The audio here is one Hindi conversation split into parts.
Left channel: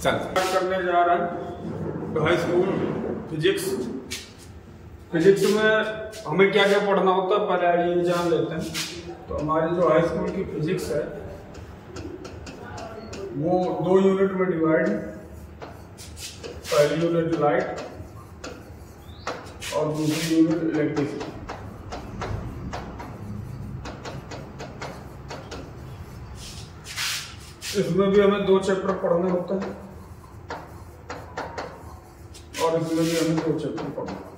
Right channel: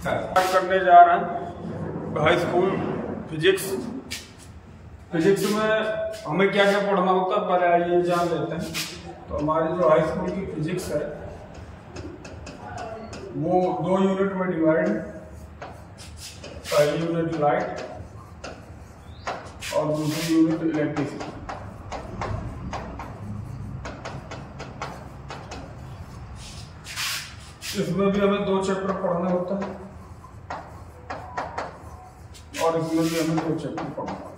स्टार्ट करने जा रहे हैं हाई स्कूल फिजिक्स। फिजिक्स में हमें क्या क्या पढ़ना होता है पहले आइए जान लेते हैं। तो हमारी जो हाई स्कूल की फिजिक्स है वो 2 यूनिट में डिवाइड है। पहली यूनिट लाइट और दूसरी यूनिट इलेक्ट्रिसिटी। इसमें भी हमें 2 चैप्टर पढ़ना होता है और इसमें भी हमें 2 चैप्टर पढ़ना होता है।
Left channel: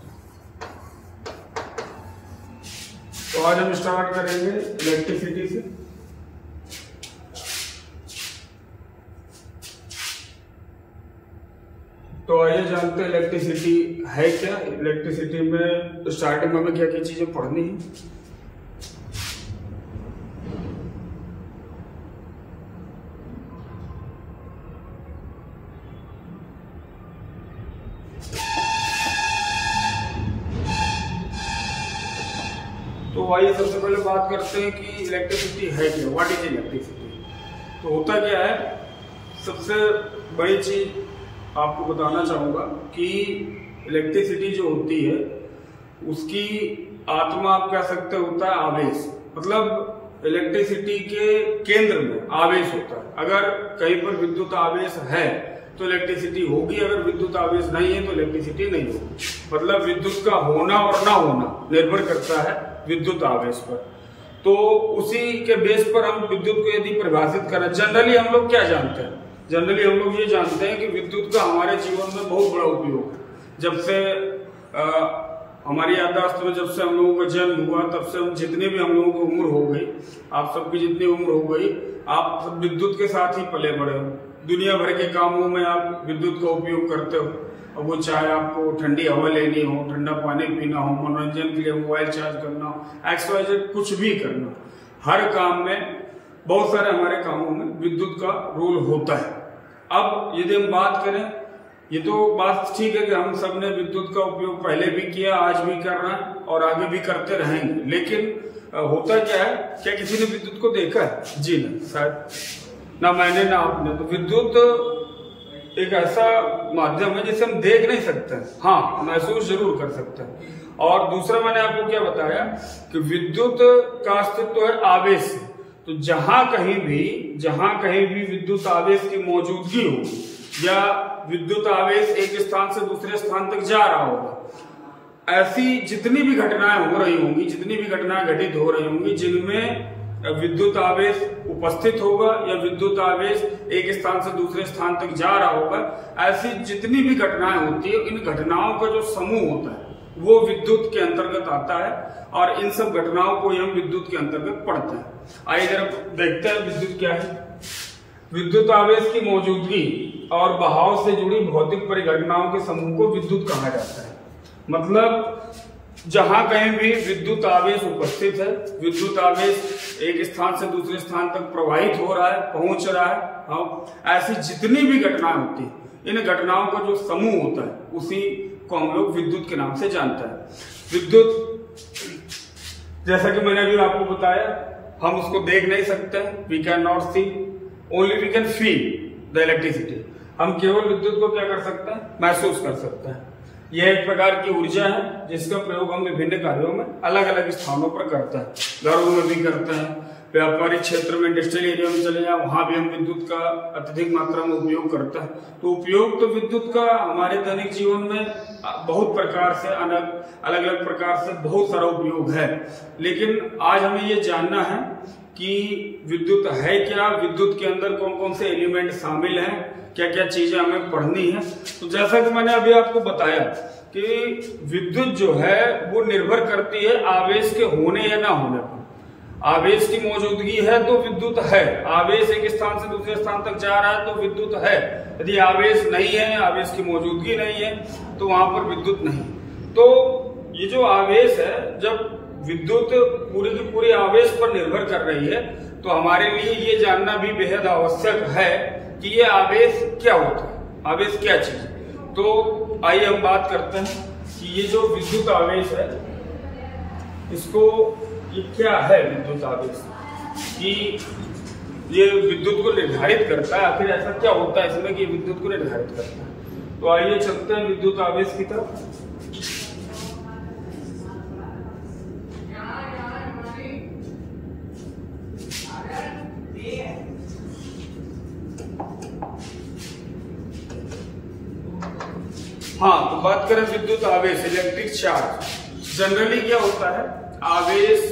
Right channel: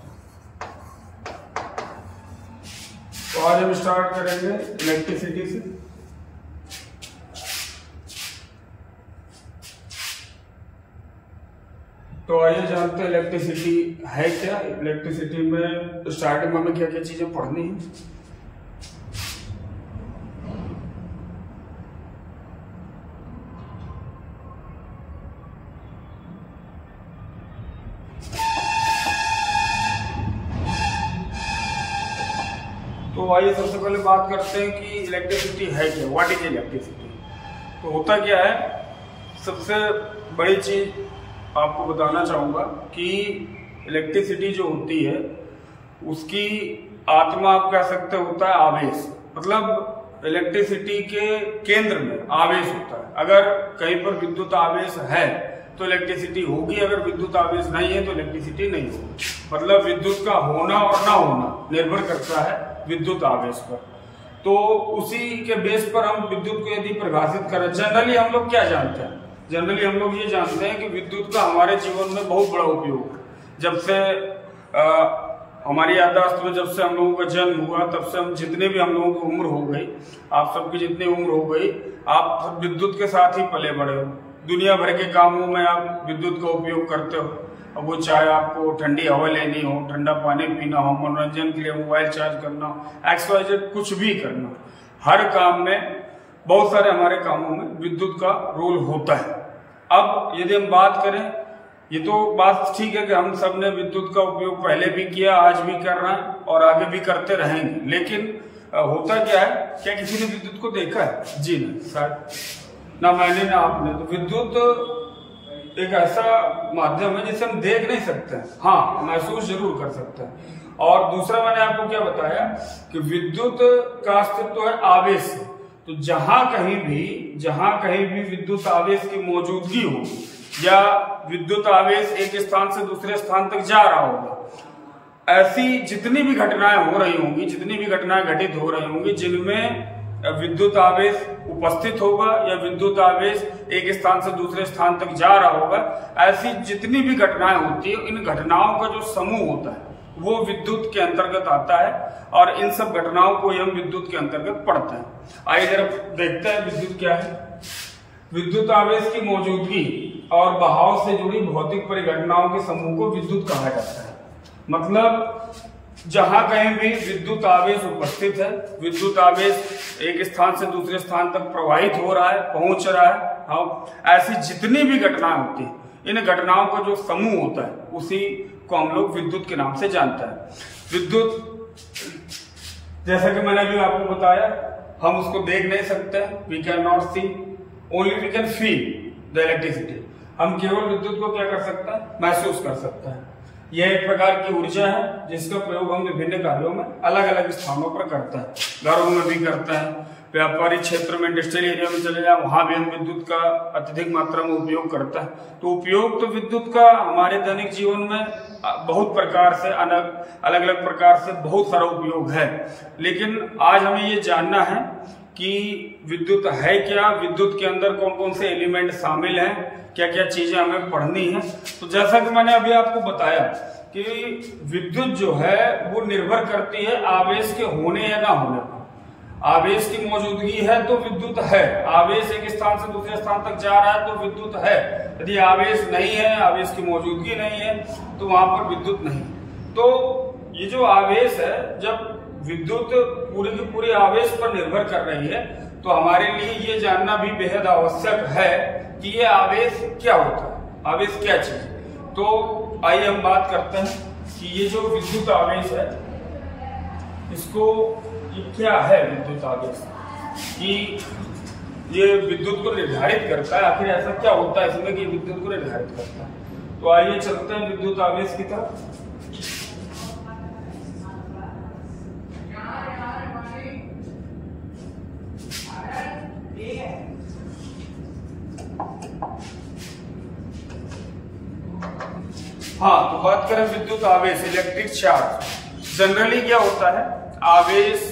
तो आज हम स्टार्ट करेंगे इलेक्ट्रिसिटी से। तो आइए जानते हैं इलेक्ट्रिसिटी है क्या। इलेक्ट्रिसिटी में स्टार्टिंग में हमें क्या क्या चीजें पढ़नी है। तो आइए सबसे पहले बात करते हैं कि इलेक्ट्रिसिटी है क्या, व्हाट इज इलेक्ट्रिसिटी। तो होता क्या है, सबसे बड़ी चीज आपको बताना चाहूंगा कि इलेक्ट्रिसिटी जो होती है उसकी आत्मा आप कह सकते होता है आवेश। मतलब इलेक्ट्रिसिटी के केंद्र में आवेश होता है। अगर कहीं पर विद्युत आवेश है तो इलेक्ट्रिसिटी होगी, अगर विद्युत आवेश नहीं है तो इलेक्ट्रिसिटी नहीं होगी। मतलब विद्युत का होना और ना होना निर्भर करता है विद्युत आवेश पर। तो उसी के बेस पर हम विद्युत को यदि परिभाषित करें, जनरली हम लोग क्या जानते हैं, जनरली हम लोग ये जानते हैं कि विद्युत का हमारे जीवन में बहुत बड़ा उपयोग है। जब से हमारी याददाश्त में जब से हम लोगों का जन्म हुआ तब से हम जितने भी हम लोगों की उम्र हो गई, आप सबकी जितनी उम्र हो गई, आप विद्युत के साथ ही पले बड़े हो। दुनिया भर के कामों में आप विद्युत का उपयोग करते हो। अब वो चाहे आपको ठंडी हवा लेनी हो, ठंडा पानी पीना हो, मनोरंजन के लिए मोबाइल चार्ज करना हो, XYZ कुछ भी करना हो, हर काम में, बहुत सारे हमारे कामों में विद्युत का रोल होता है। अब यदि हम बात करें, ये तो बात ठीक है कि हम सब ने विद्युत का उपयोग पहले भी किया, आज भी कर रहे हैं और आगे भी करते रहेंगे। लेकिन होता क्या है, क्या किसी ने विद्युत को देखा है? जी नहीं, शायद ना मैंने ना आपने। तो विद्युत एक ऐसा माध्यम है जिसे हम देख नहीं सकते हैं, हाँ महसूस जरूर कर सकते हैं। और दूसरा मैंने आपको क्या बताया कि विद्युत का अस्तित्व तो है आवेश से। तो जहां कहीं भी विद्युत आवेश की मौजूदगी हो या विद्युत आवेश एक स्थान से दूसरे स्थान तक जा रहा होगा, ऐसी जितनी भी घटनाएं हो रही होंगी, जितनी भी घटनाएं घटित हो रही होंगी जिनमें विद्युत आवेश उपस्थित होगा या विद्युत आवेश एक स्थान से दूसरे स्थान तक जा रहा होगा, ऐसी जितनी भी घटनाएं होती है, इन घटनाओं का जो समूह होता है वो विद्युत के अंतर्गत आता है और इन सब घटनाओं को हम विद्युत के अंतर्गत पढ़ते हैं। आइए जरा देखते हैं विद्युत क्या है। विद्युत आवेश की मौजूदगी और बहाव से जुड़ी भौतिक परिघटनाओं के समूह को विद्युत कहा जाता है। मतलब जहां कहीं भी विद्युत आवेश उपस्थित है, विद्युत आवेश एक स्थान से दूसरे स्थान तक प्रवाहित हो रहा है, पहुंच रहा है, हाँ, ऐसी जितनी भी घटनाएं होती है, इन घटनाओं का जो समूह होता है उसी को हम लोग विद्युत के नाम से जानते हैं। विद्युत, जैसा कि मैंने अभी आपको बताया, हम उसको देख नहीं सकते, we can not see, only we can feel the electricity. हम केवल विद्युत को क्या कर सकते हैं, महसूस कर सकते हैं। यह एक प्रकार की ऊर्जा है जिसका प्रयोग हम विभिन्न कार्यों में अलग अलग स्थानों पर करते हैं। घरों में भी करते हैं, व्यापारिक क्षेत्र में, इंडस्ट्रियल एरिया में चले जाए, वहां भी हम विद्युत का अत्यधिक मात्रा में उपयोग करते हैं। तो उपयोग तो विद्युत का हमारे दैनिक जीवन में बहुत प्रकार से, अलग अलग प्रकार से बहुत सारा उपयोग है। लेकिन आज हमें ये जानना है कि विद्युत है क्या, विद्युत के अंदर कौन कौन से एलिमेंट शामिल हैं, क्या क्या चीजें हमें पढ़नी है। तो जैसा कि मैंने अभी आपको बताया कि विद्युत जो है वो निर्भर करती है आवेश के होने या ना होने पर। आवेश की मौजूदगी है तो विद्युत है, आवेश एक स्थान से दूसरे स्थान तक जा रहा है तो विद्युत है। यदि आवेश नहीं है, आवेश की मौजूदगी नहीं है, तो वहां पर विद्युत नहीं। तो ये जो आवेश है, जब विद्युत पूरी की पूरी आवेश पर निर्भर कर रही है, तो हमारे लिए ये जानना भी बेहद आवश्यक है कि ये आवेश क्या होता है, आवेश क्या चीज है। तो आइए हम बात करते हैं कि ये जो विद्युत आवेश है, इसको ये क्या है विद्युत आवेश, कि ये विद्युत को निर्धारित करता है। आखिर ऐसा क्या होता है इसमें कि विद्युत को निर्धारित करता है। तो आइए चलते हैं विद्युत आवेश की तरफ। हाँ, तो बात करें विद्युत आवेश, इलेक्ट्रिक चार्ज। जनरली क्या होता है, आवेश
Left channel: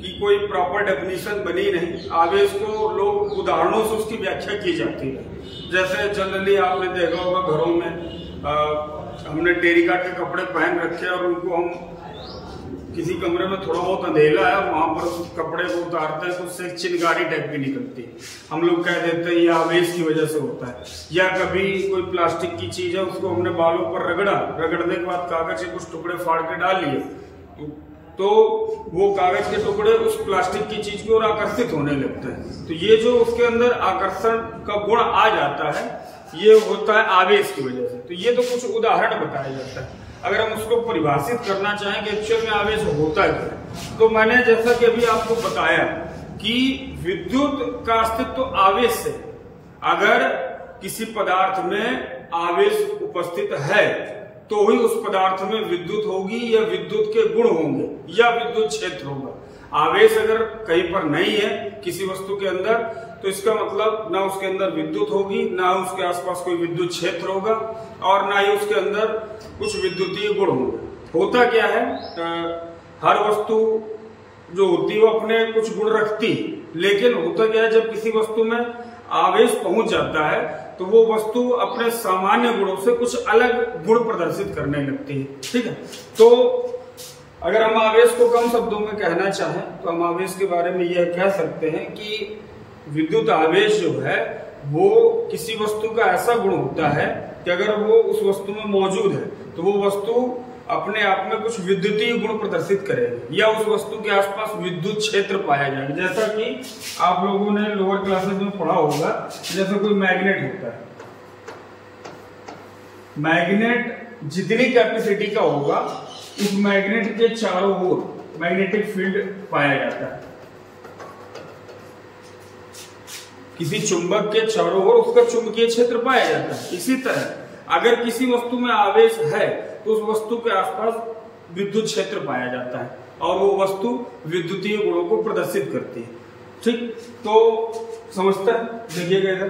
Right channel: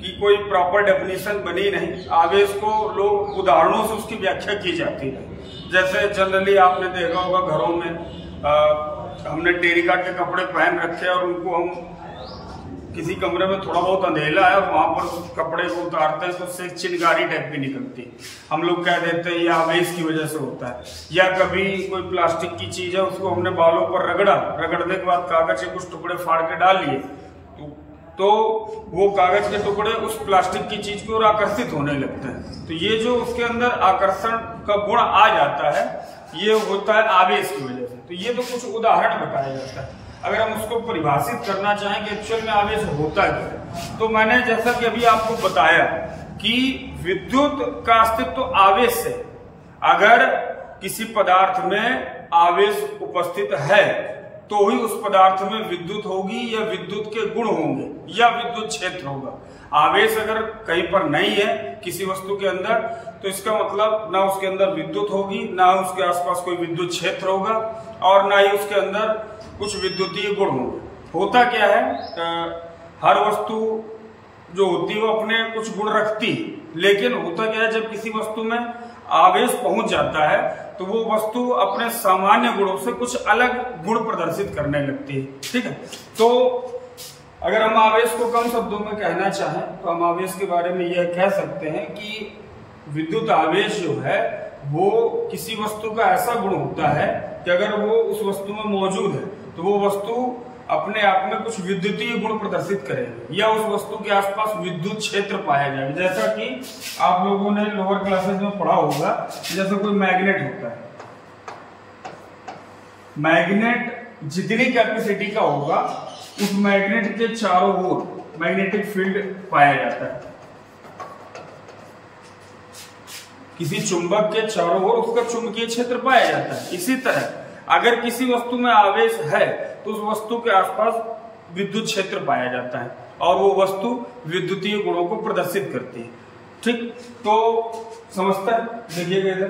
की कोई प्रॉपर डेफिनेशन बनी नहीं। आवेश को लोग उदाहरणों से उसकी व्याख्या की जाती है। जैसे जनरली आपने देखा होगा घरों में हमने टेरिकॉट के कपड़े पहन रखे हैं और उनको हम किसी कमरे में थोड़ा बहुत अंधेला है, वहां पर उस कपड़े को उतारते हैं तो उससे एक चिंगारी टाइप की निकलती है। हम लोग कह देते हैं ये आवेश की वजह से होता है। या कभी कोई प्लास्टिक की चीज है, उसको हमने बालों पर रगड़ने के बाद कागज के कुछ टुकड़े फाड़ के डाल लिए तो वो कागज के टुकड़े उस प्लास्टिक की चीज की ओर आकर्षित होने लगते हैं। तो ये जो उसके अंदर आकर्षण का गुण आ जाता है, ये होता है आवेश की वजह से। तो ये तो कुछ उदाहरण बताया जाता है। अगर हम उसको परिभाषित करना चाहें कि एक्चुअल में आवेश होता है, तो मैंने जैसा कि अभी आपको बताया कि विद्युत का अस्तित्व आवेश से। अगर किसी पदार्थ में आवेश उपस्थित है तो ही उस पदार्थ में विद्युत होगी या विद्युत के गुण होंगे या विद्युत क्षेत्र होगा। आवेश अगर कहीं पर नहीं है किसी वस्तु के अंदर, तो इसका मतलब ना उसके अंदर विद्युत होगी, ना उसके आसपास कोई विद्युत क्षेत्र होगा और ना ही उसके अंदर कुछ विद्युतीय गुण होंगे। होता क्या है, हर वस्तु जो होती है वो अपने कुछ गुण रखती है, लेकिन होता क्या है, जब किसी वस्तु में आवेश पहुंच जाता है तो वो वस्तु अपने सामान्य गुणों से कुछ अलग गुण प्रदर्शित करने लगती है। ठीक है, तो अगर हम आवेश को कम शब्दों में कहना चाहें तो हम आवेश के बारे में यह कह सकते हैं कि विद्युत आवेश जो है वो किसी वस्तु का ऐसा गुण होता है कि अगर वो उस वस्तु में मौजूद है तो वो वस्तु अपने आप में कुछ विद्युतीय गुण प्रदर्शित करेगी या उस वस्तु के आसपास विद्युत क्षेत्र पाया जाएगा। जैसा कि आप लोगों ने लोअर क्लासेस में पढ़ा होगा, जैसे कोई मैग्नेट होता है, मैग्नेट जितनी कैपेसिटी का होगा उस मैग्नेट के चारों ओर मैग्नेटिक फील्ड पाया जाता है। किसी चुंबक के चारों ओर उसका चुंबकीय क्षेत्र पाया जाता है। इसी तरह अगर किसी वस्तु में आवेश है तो उस वस्तु के आसपास विद्युत क्षेत्र पाया जाता है और वो वस्तु विद्युतीय गुणों को प्रदर्शित करती है। ठीक, तो समझता है, देखिएगा इधर,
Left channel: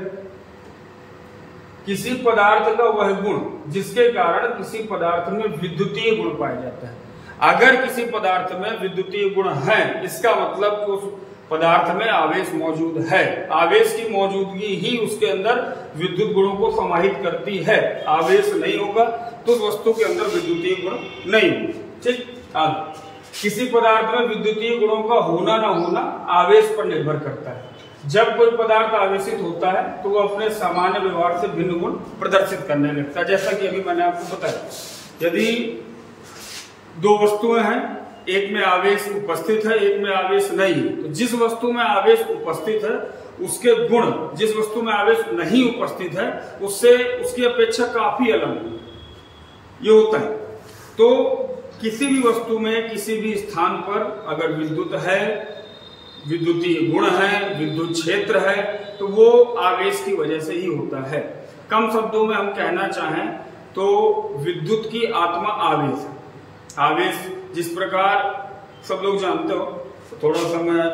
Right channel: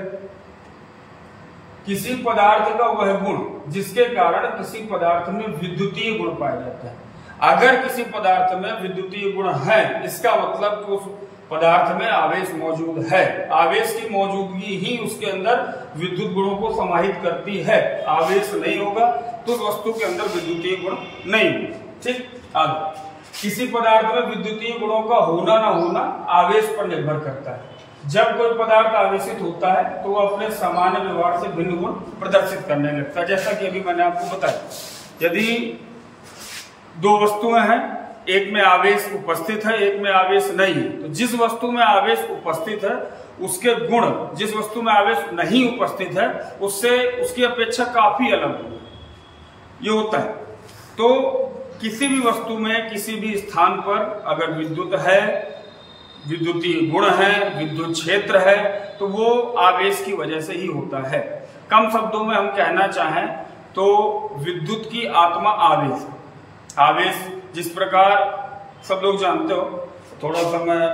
किसी पदार्थ का वह गुण जिसके कारण किसी पदार्थ में विद्युतीय गुण पाया जाता है। अगर किसी पदार्थ में विद्युतीय गुण है, इसका मतलब उस पदार्थ में आवेश मौजूद है। आवेश की मौजूदगी ही उसके अंदर विद्युत गुणों को समाहित करती है। आवेश नहीं होगा तो उस वस्तु के अंदर विद्युतीय गुण नहीं होंगे। ठीक, आगे, किसी पदार्थ में विद्युतीय गुणों का होना ना होना आवेश पर निर्भर करता है। जब कोई पदार्थ आवेशित होता है तो वो अपने सामान्य व्यवहार से भिन्न गुण प्रदर्शित करने लगता है। जैसा कि अभी मैंने आपको बताया, यदि दो वस्तुएं हैं, एक में आवेश उपस्थित है, एक में आवेश नहीं है, तो जिस वस्तु में आवेश उपस्थित है उसके गुण जिस वस्तु में आवेश नहीं उपस्थित है उससे उसकी अपेक्षा काफी अलग होगा। ये होता है। तो किसी भी वस्तु में किसी भी स्थान पर अगर विद्युत है, विद्युतीय गुण है, विद्युत क्षेत्र है, तो वो आवेश की वजह से ही होता है। कम शब्दों में हम कहना चाहें तो विद्युत की आत्मा आवेश है। आवेश जिस प्रकार सब लोग जानते हो, थोड़ा सा मैं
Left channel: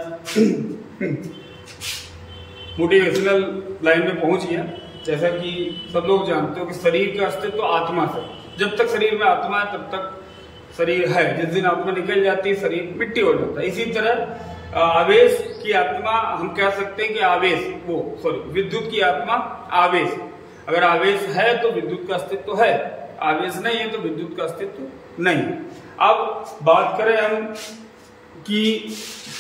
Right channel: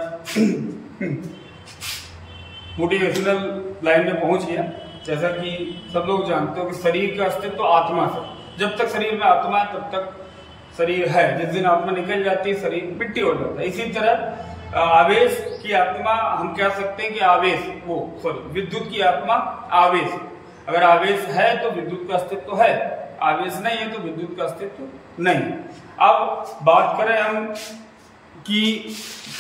मोटिवेशनल लाइन में पहुंच गया। जैसा कि सब लोग जानते हो कि शरीर का अस्तित्व तो आत्मा से, जब तक शरीर में आत्मा है तब तक शरीर है, जिस दिन आत्मा निकल जाती है शरीर मिट्टी हो जाता है। इसी तरह आवेश की आत्मा हम कह सकते हैं कि आवेश विद्युत की आत्मा आवेश। अगर आवेश है तो विद्युत का अस्तित्व है, आवेश नहीं है तो विद्युत का अस्तित्व नहीं। अब बात करें हम कि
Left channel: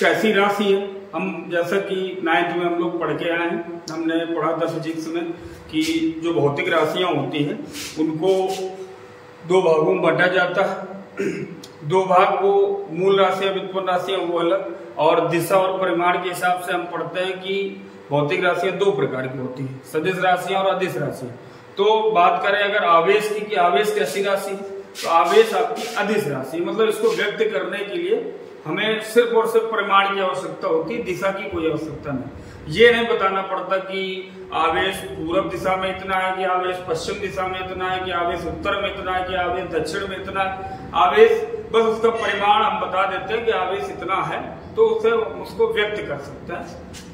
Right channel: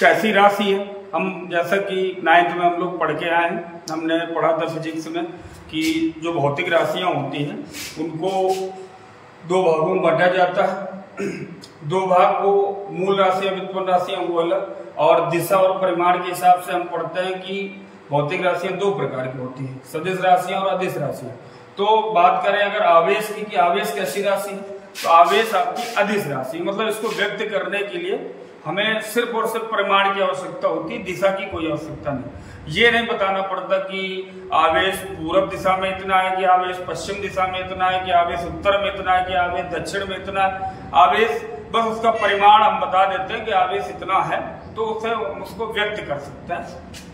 कैसी राशि है। हम जैसा कि 9th में हम लोग पढ़ के आए हैं, हमने पढ़ा था फिजिक्स में कि जो भौतिक राशियां होती हैं उनको दो भागों में बांटा जाता है। दो भाग वो मूल राशियां, व्युत्पन्न राशियां वो अलग, और दिशा और परिमाण के हिसाब से हम पढ़ते हैं कि भौतिक राशियां दो प्रकार की होती हैं, सदिश राशियां और अदिश राशियां। तो बात करें अगर आवेश की कि आवेश कैसी राशि, तो आवेश आपकी अदिश राशि। मतलब इसको व्यक्त करने के लिए हमें सिर्फ और सिर्फ परिमाण की आवश्यकता होती है, दिशा की कोई आवश्यकता नहीं। ये नहीं बताना पड़ता कि आवेश पूर्व दिशा में इतना है, कि आवेश पश्चिम दिशा में इतना है, कि आवेश उत्तर में इतना है, कि आवेश दक्षिण में इतना है। आवेश बस उसका परिमाण हम बता देते हैं कि आवेश इतना है, तो उसे उसको व्यक्त कर सकते हैं,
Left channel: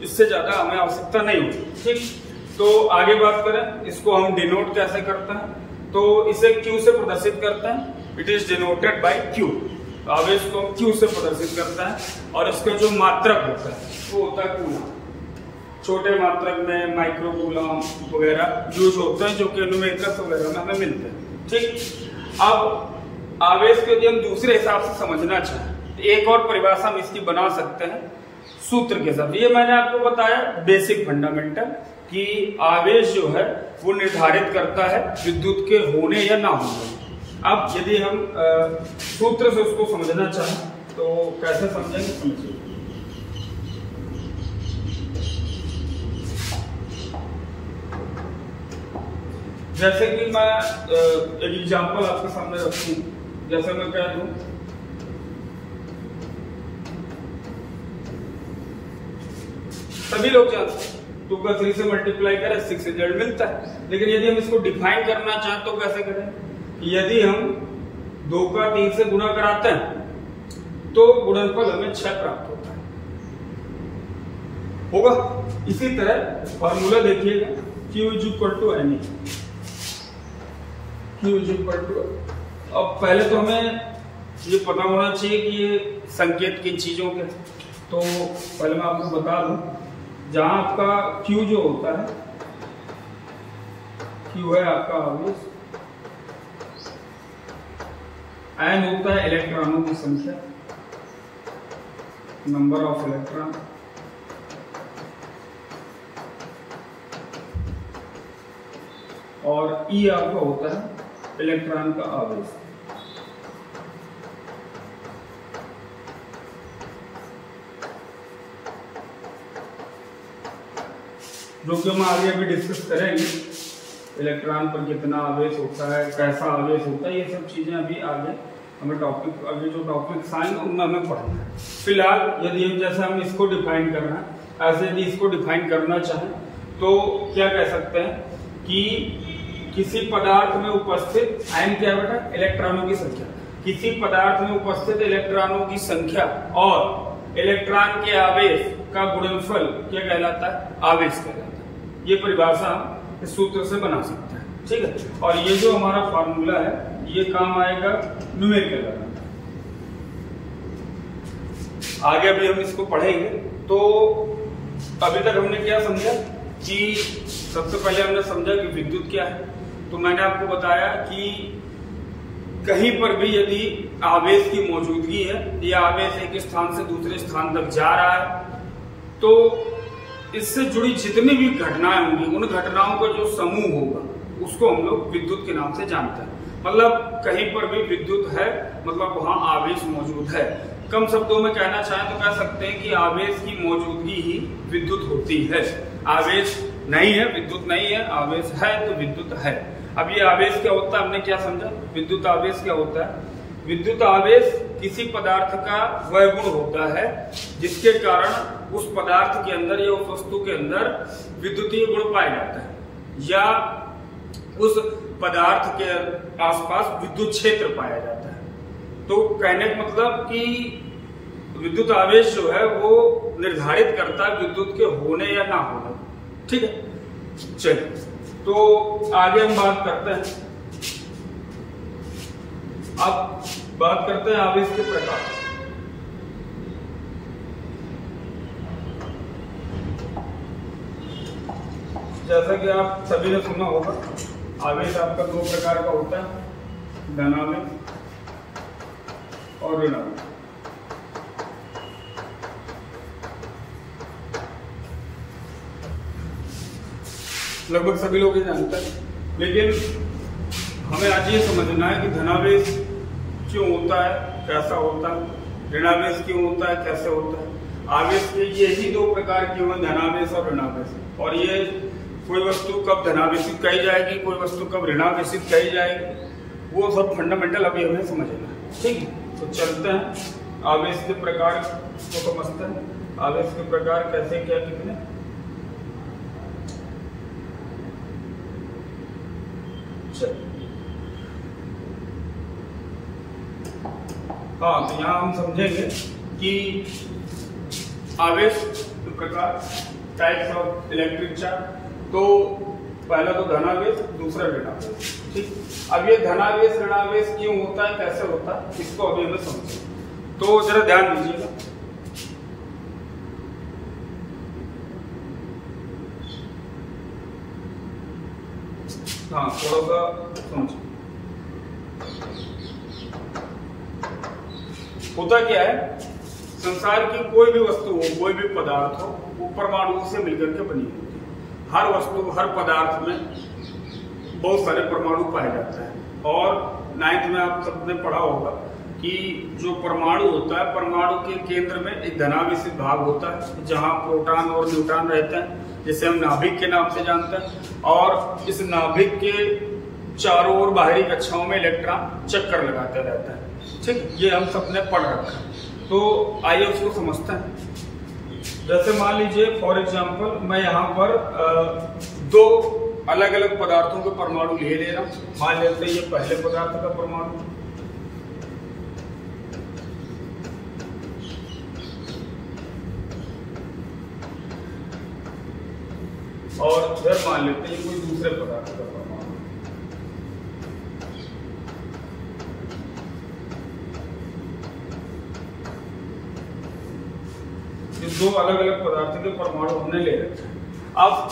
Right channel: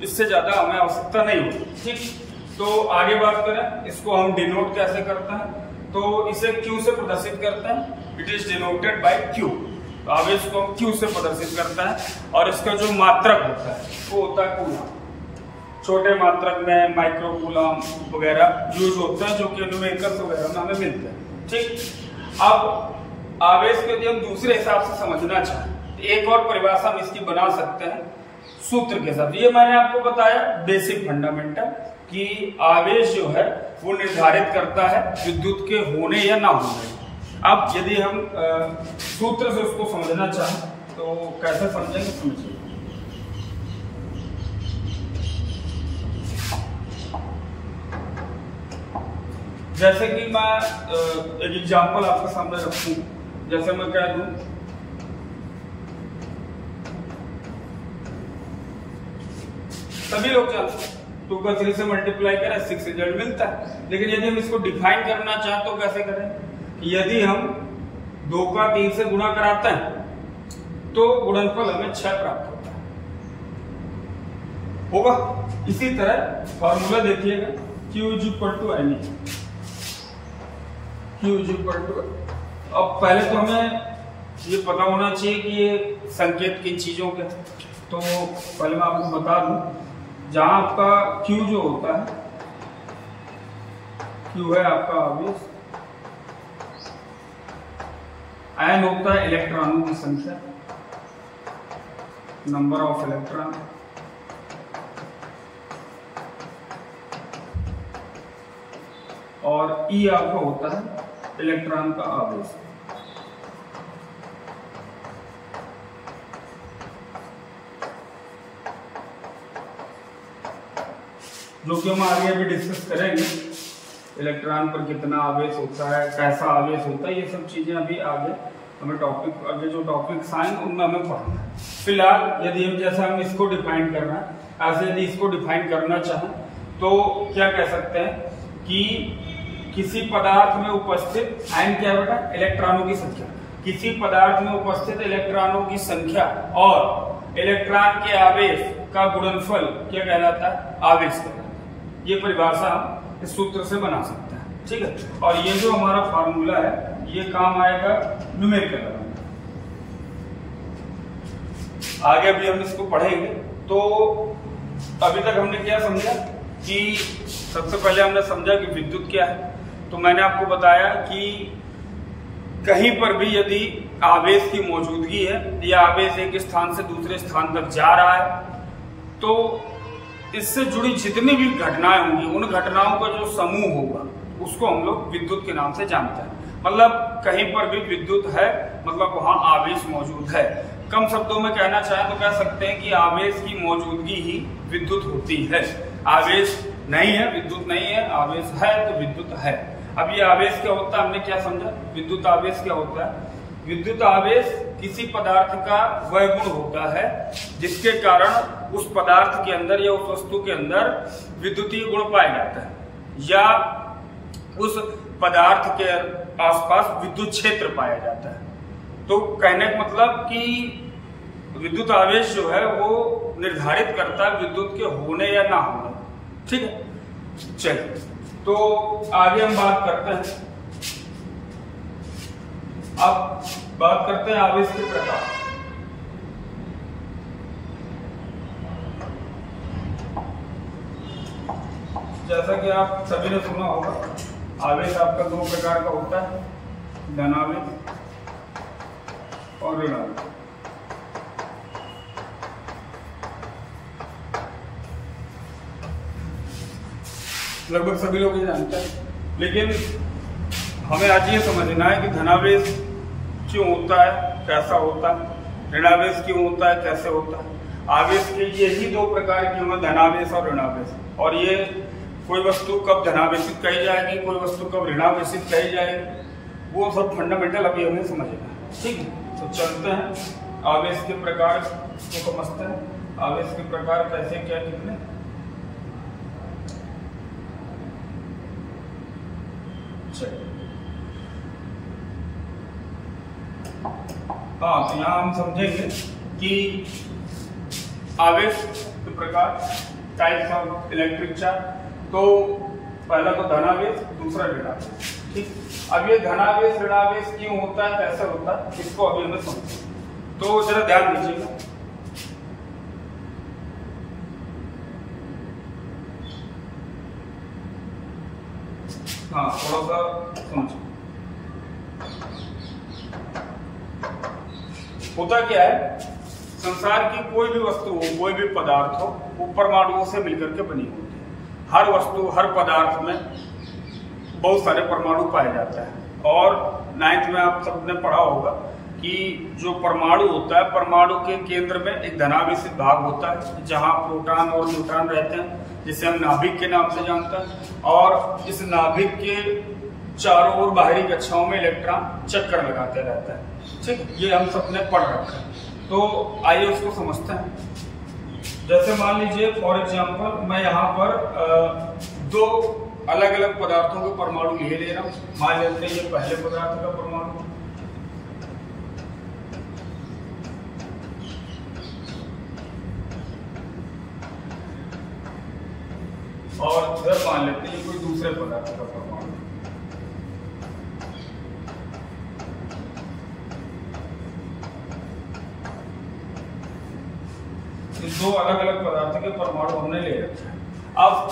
इससे ज्यादा हमें आवश्यकता नहीं होती। ठीक, तो आगे बात करें, इसको हम डिनोट कैसे करते हैं, तो इसे Q से प्रदर्शित करते हैं। It is denoted by Q। आवेश को हम Q से प्रदर्शित करते हैं, और इसका जो मात्रक होता है वो होता है कूलम। छोटे मात्रक में माइक्रो कूलम वगैरह यूज होते हैं, जो कि न्यूमेरिकल्स वगैरह में हमें मिलते हैं। ठीक, अब आवेश को यदि हम दूसरे हिसाब से समझना चाहें तो एक और परिभाषा हम इसकी बना सकते हैं सूत्र के साथ। ये मैंने आपको बताया बेसिक फंडामेंटल, कि आवेश जो है वो निर्धारित करता है विद्युत के होने या ना होने। अब यदि हम सूत्र से उसको समझना चाहें तो कैसे समझेंगे, समझिए। जैसे कि मैं एक एग्जांपल आपके सामने रखूं, जैसे मैं कह दूं सभी लोग जानते हैं 2 का 3 से मल्टीप्लाई करें 6 रिजल्ट मिलता है। लेकिन यदि हम इसको डिफाइन करना चाहें तो कैसे करें, यदि हम 2 का 3 से गुणा कराते हैं तो गुणनफल हमें 6 प्राप्त होता है, होगा। इसी तरह फॉर्मूला देखिएगा, Q is equal to NE। Q is equal to, अब पहले तो हमें ये पता होना चाहिए कि ये संकेत किन चीजों के, तो पहले मैं आपको बता दूं, जहां आपका Q जो होता है, Q है आपका आवेश, N होता है इलेक्ट्रॉनों की संख्या, नंबर ऑफ इलेक्ट्रॉन, और E आपका होता है इलेक्ट्रॉन का आवेश। जो कि हम आगे अभी डिस्कस करेंगे, इलेक्ट्रॉन पर कितना आवेश होता है, कैसा आवेश होता है, ये सब चीजें अभी आगे हमें टॉपिक, आगे जो टॉपिक्स आएंगे उनमें हमें पढ़ना है। फिलहाल यदि हम जैसे हम इसको डिफाइन कर रहे हैं, ऐसे यदि इसको डिफाइन करना चाहें तो क्या कह सकते हैं कि किसी पदार्थ में उपस्थित N क्या है बेटा, इलेक्ट्रॉनों की संख्या, किसी पदार्थ में उपस्थित इलेक्ट्रॉनों की संख्या और इलेक्ट्रॉन के आवेश का गुणनफल क्या कहलाता है, आवेश कहलाता है। ये परिभाषा हम इस सूत्र से बना सकते हैं। ठीक है, और ये जो हमारा फार्मूला है ये काम आएगा न्यूमेरिकल बनाने। आगे अभी हम इसको पढ़ेंगे। तो अभी तक हमने क्या समझा कि सबसे पहले हमने समझा कि विद्युत क्या है। तो मैंने आपको बताया कि कहीं पर भी यदि आवेश की मौजूदगी है या आवेश एक स्थान से दूसरे स्थान तक जा रहा है, तो इससे जुड़ी जितनी भी घटनाएं होंगी, उन घटनाओं का जो समूह होगा उसको हम लोग विद्युत के नाम से जानते हैं। मतलब कहीं पर भी विद्युत है, मतलब वहां आवेश मौजूद है। कम शब्दों में कहना चाहें तो कह सकते हैं कि आवेश की मौजूदगी ही विद्युत होती है। आवेश नहीं है, विद्युत नहीं है, आवेश है तो विद्युत है। अब ये आवेश क्या होता है, हमने क्या समझा, विद्युत आवेश क्या होता है। विद्युत आवेश किसी पदार्थ का वह गुण होता है जिसके कारण उस पदार्थ के अंदर या उस वस्तु के अंदर विद्युतीय गुण पाए जाता है, या उस पदार्थ के आसपास विद्युत क्षेत्र पाया जाता है। तो कहने का मतलब कि विद्युत आवेश जो है वो निर्धारित करता है विद्युत के होने या ना होने। ठीक है, चलिए तो आगे हम बात करते हैं। अब बात करते हैं आवेश के प्रकार। जैसा कि आप सभी ने सुना होगा, आवेश आपका 2 प्रकार का होता है, धनावेश और ऋणावेश। लगभग सभी लोग ये जानते हैं, लेकिन हमें आज ये समझना है कि धनावेश क्यों होता है, कैसा होता है, ऋणावेश क्यों होता है, कैसे होता है। आवेश के यही 2 प्रकार के हुए, धनावेश और ऋणावेश। और ये कोई वस्तु कब धनावेशित कही जाएगी, कोई वस्तु कब ऋणावेशित कही जाएगी, वो सब फंडामेंटल अभी हमें समझना है। ठीक है, तो चलते हैं आवेश के प्रकार को समझते हैं। आवेश के प्रकार कैसे क्या कितने, चलिए, हाँ, तो यहाँ हम समझेंगे कि आवेश के प्रकार, टाइप्स ऑफ इलेक्ट्रिक चार्ज। तो पहला तो धनावेश, दूसरा ऋणावेश। ठीक, अब ये धनावेश ऋणावेश क्यों होता है, कैसे होता है, इसको अभी हमें समझें। तो जरा ध्यान दीजिएगा, हाँ, थोड़ा सा समझिए। होता क्या है, संसार की कोई भी वस्तु हो, कोई भी पदार्थ हो, वो परमाणुओं से मिलकर के बनी होती है। हर वस्तु, हर पदार्थ में बहुत सारे परमाणु पाए जाते हैं। और 9th में आप सबने पढ़ा होगा कि जो परमाणु होता है, परमाणु के केंद्र में एक धनावेशित भाग होता है जहां प्रोटॉन और न्यूट्रॉन रहते हैं, जिसे हम नाभिक के नाम से जानते हैं। और इस नाभिक के चारों ओर बाहरी कक्षाओं में इलेक्ट्रॉन चक्कर लगाते रहते हैं। ठीक, ये हम सबने पढ़ रखा है। तो आइए उसको समझते हैं। जैसे मान लीजिए फॉर एग्जांपल, मैं यहाँ पर दो अलग अलग पदार्थों के परमाणु ले रहा हूं। मान लेते हैं ये पहले पदार्थ का परमाणु, और इधर मान लेते हैं कोई दूसरे पदार्थ का परमाणु। दो अलग अलग पदार्थ के परमाणु हमने ले रखे हैं। अब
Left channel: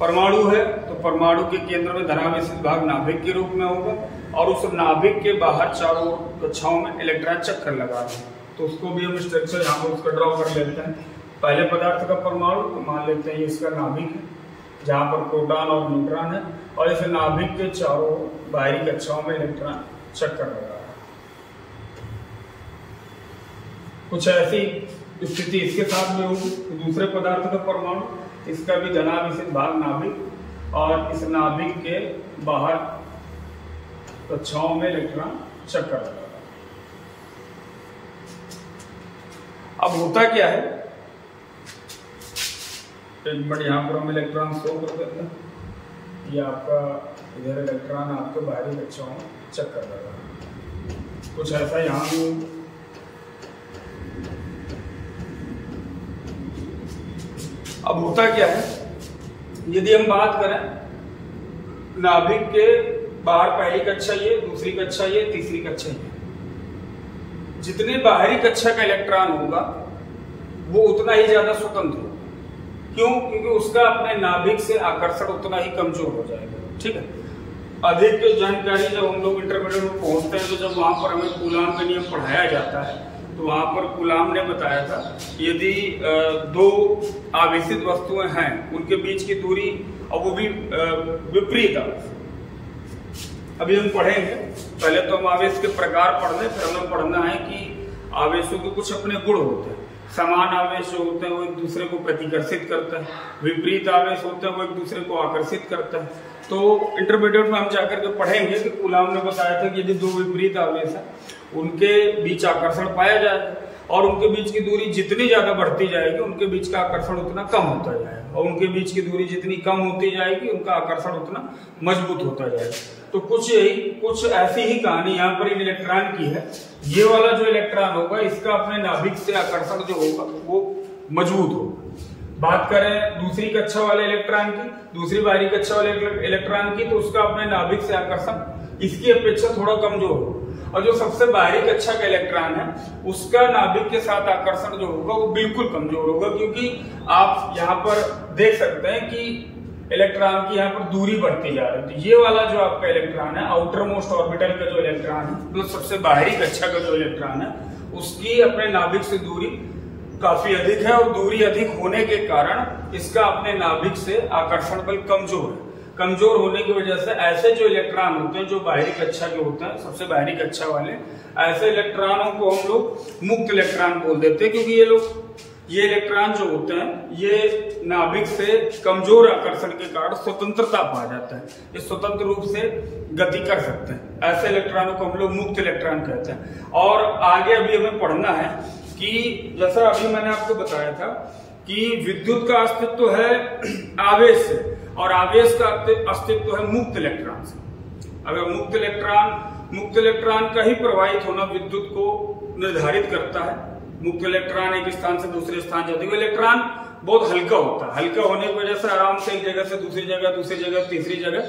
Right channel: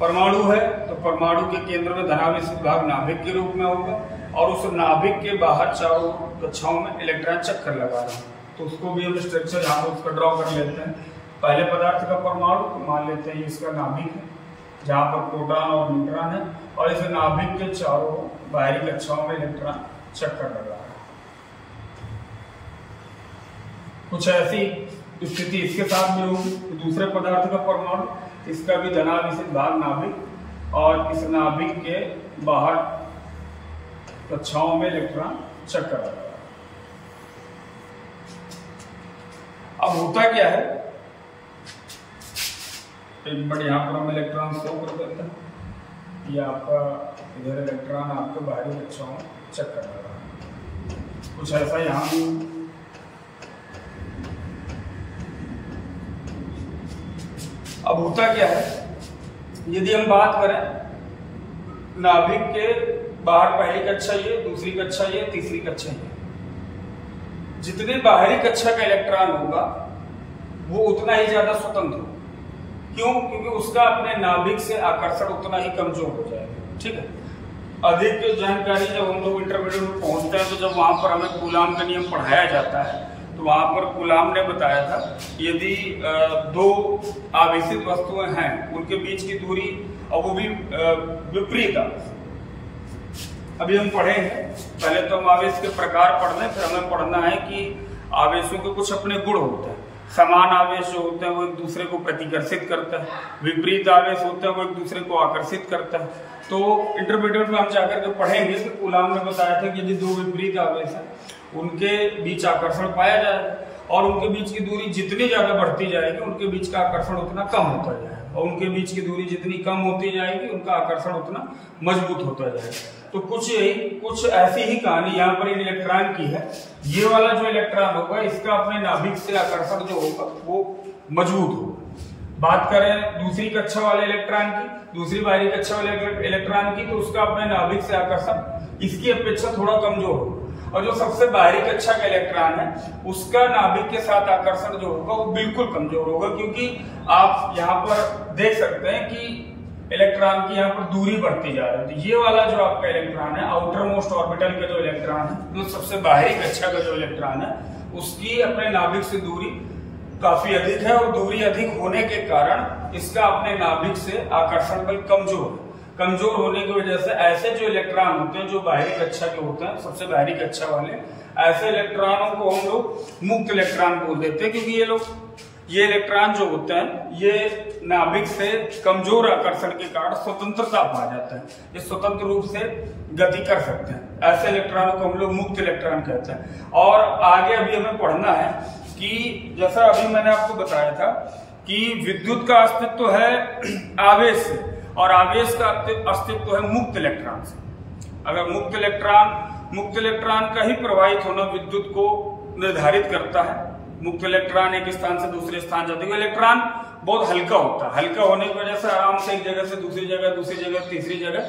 परमाणु है तो परमाणु के केंद्र में धनावेशित भाग नाभिक के रूप में होगा, और उस नाभिक के बाहर चारों कक्षाओं में इलेक्ट्रॉन चक्कर लगा रहे हैं। तो उसको भी हम स्ट्रक्चर यहाँ पर उसका ड्रॉ कर लेते हैं। पहले पदार्थ का परमाणु, तो मान लेते हैं इसका नाभिक है जहां पर प्रोटॉन और न्यूट्रॉन है, और इस नाभिक के चारों बाहरी कक्षाओं में इलेक्ट्रॉन चक्कर लगा रहा है। कुछ ऐसी स्थिति इसके साथ में होगी। तो दूसरे पदार्थ का परमाणु, इसका भी धनावेशित भाग नाभिक, और इस नाभिक के बाहर कक्षाओं में इलेक्ट्रॉन चक्कर लगा रहा है। अब होता क्या है, एक मिनट यहाँ पर हम इलेक्ट्रॉन शो कर देते हैं। ये आपका इधर इलेक्ट्रॉन आपके बाहरी कक्षाओं में चक्कर लगा रहा है। कुछ ऐसा यहाँ भी। अब होता क्या है, यदि हम बात करें नाभिक के बाहर पहली कक्षा ये, दूसरी कक्षा ये, तीसरी कक्षा ये, जितने बाहरी कक्षा का इलेक्ट्रॉन होगा वो उतना ही ज्यादा स्वतंत्र होगा। क्यों? क्योंकि उसका अपने नाभिक से आकर्षण उतना ही कमजोर हो जाएगा। ठीक है, अधिक जानकारी जब हम लोग इंटरमीडिएट में पहुंचते हैं, तो जब वहां पर हमें कूलाम का नियम पढ़ाया जाता है, तो वहां पर कूलाम ने बताया था यदि दो आवेशित वस्तुएं हैं, उनके बीच की दूरी, और वो भी विपरीत आवेश। अभी हम पढ़ेंगे, पहले तो हम आवेश के प्रकार पढ़ लें, फिर हमें पढ़ना है कि आवेशों के कुछ अपने गुण होते हैं। समान आवेश जो होते हैं वो एक दूसरे को प्रतिकर्षित करता है, विपरीत आवेश होते हैं वो एक दूसरे को आकर्षित करता है। तो इंटरमीडिएट में हम जाकर के पढ़ेंगे कि कूलाम ने बताया था कि यदि दो विपरीत आवेश है, उनके बीच आकर्षण पाया जाएगा, और उनके बीच की दूरी जितनी ज्यादा बढ़ती जाएगी, उनके बीच का आकर्षण उतना कम होता जाएगा, और उनके बीच की दूरी जितनी कम होती जाएगी, उनका आकर्षण उतना मजबूत होता जाएगा। तो कुछ ऐसी ही कहानी यहाँ पर इन इलेक्ट्रॉन की है। ये वाला जो इलेक्ट्रॉन होगा, इसका अपने नाभिक से आकर्षण जो होगा वो मजबूत होगा। बात करें दूसरी कक्षा वाले इलेक्ट्रॉन की, दूसरी बाहरी कक्षा वाले इलेक्ट्रॉन की, तो उसका अपने नाभिक से आकर्षण इसकी अपेक्षा थोड़ा कमजोर होगा। और जो सबसे बाहरी कक्षा का इलेक्ट्रॉन है, उसका नाभिक के साथ आकर्षण जो होगा वो बिल्कुल कमजोर होगा, क्योंकि आप यहाँ पर देख सकते हैं कि इलेक्ट्रॉन की यहाँ पर दूरी बढ़ती जा रही है। ये वाला जो आपका इलेक्ट्रॉन है, आउटर मोस्ट ऑर्बिटल का जो इलेक्ट्रॉन है, जो सबसे बाहरी कक्षा का जो इलेक्ट्रॉन है, उसकी अपने नाभिक से दूरी काफी अधिक है, और दूरी अधिक होने के कारण इसका अपने नाभिक से आकर्षण बल कमजोर है। कमजोर होने की वजह से ऐसे जो इलेक्ट्रॉन होते हैं, जो बाहरी कक्षा के होते हैं, सबसे बाहरी कक्षा वाले, ऐसे इलेक्ट्रॉनों को हम लोग मुक्त इलेक्ट्रॉन बोल देते हैं, क्योंकि ये इलेक्ट्रॉन जो होते हैं, ये नाभिक से कमजोर आकर्षण के कारण स्वतंत्रता पा जाता है, ये स्वतंत्र रूप से गति कर सकते हैं। ऐसे इलेक्ट्रॉनों को हम लोग मुक्त इलेक्ट्रॉन कहते हैं। और आगे अभी हमें पढ़ना है कि जैसा अभी मैंने आपको बताया था कि विद्युत का अस्तित्व है आवेश से, और आवेश का अस्तित्व है मुक्त इलेक्ट्रॉन से। अगर मुक्त इलेक्ट्रॉन का ही प्रवाहित होना विद्युत को निर्धारित करता है। मुक्त इलेक्ट्रॉन एक स्थान से दूसरे स्थान जाते हुए, इलेक्ट्रॉन बहुत हल्का होता है, हल्का होने की वजह से आराम से एक जगह से दूसरी जगह तीसरी जगह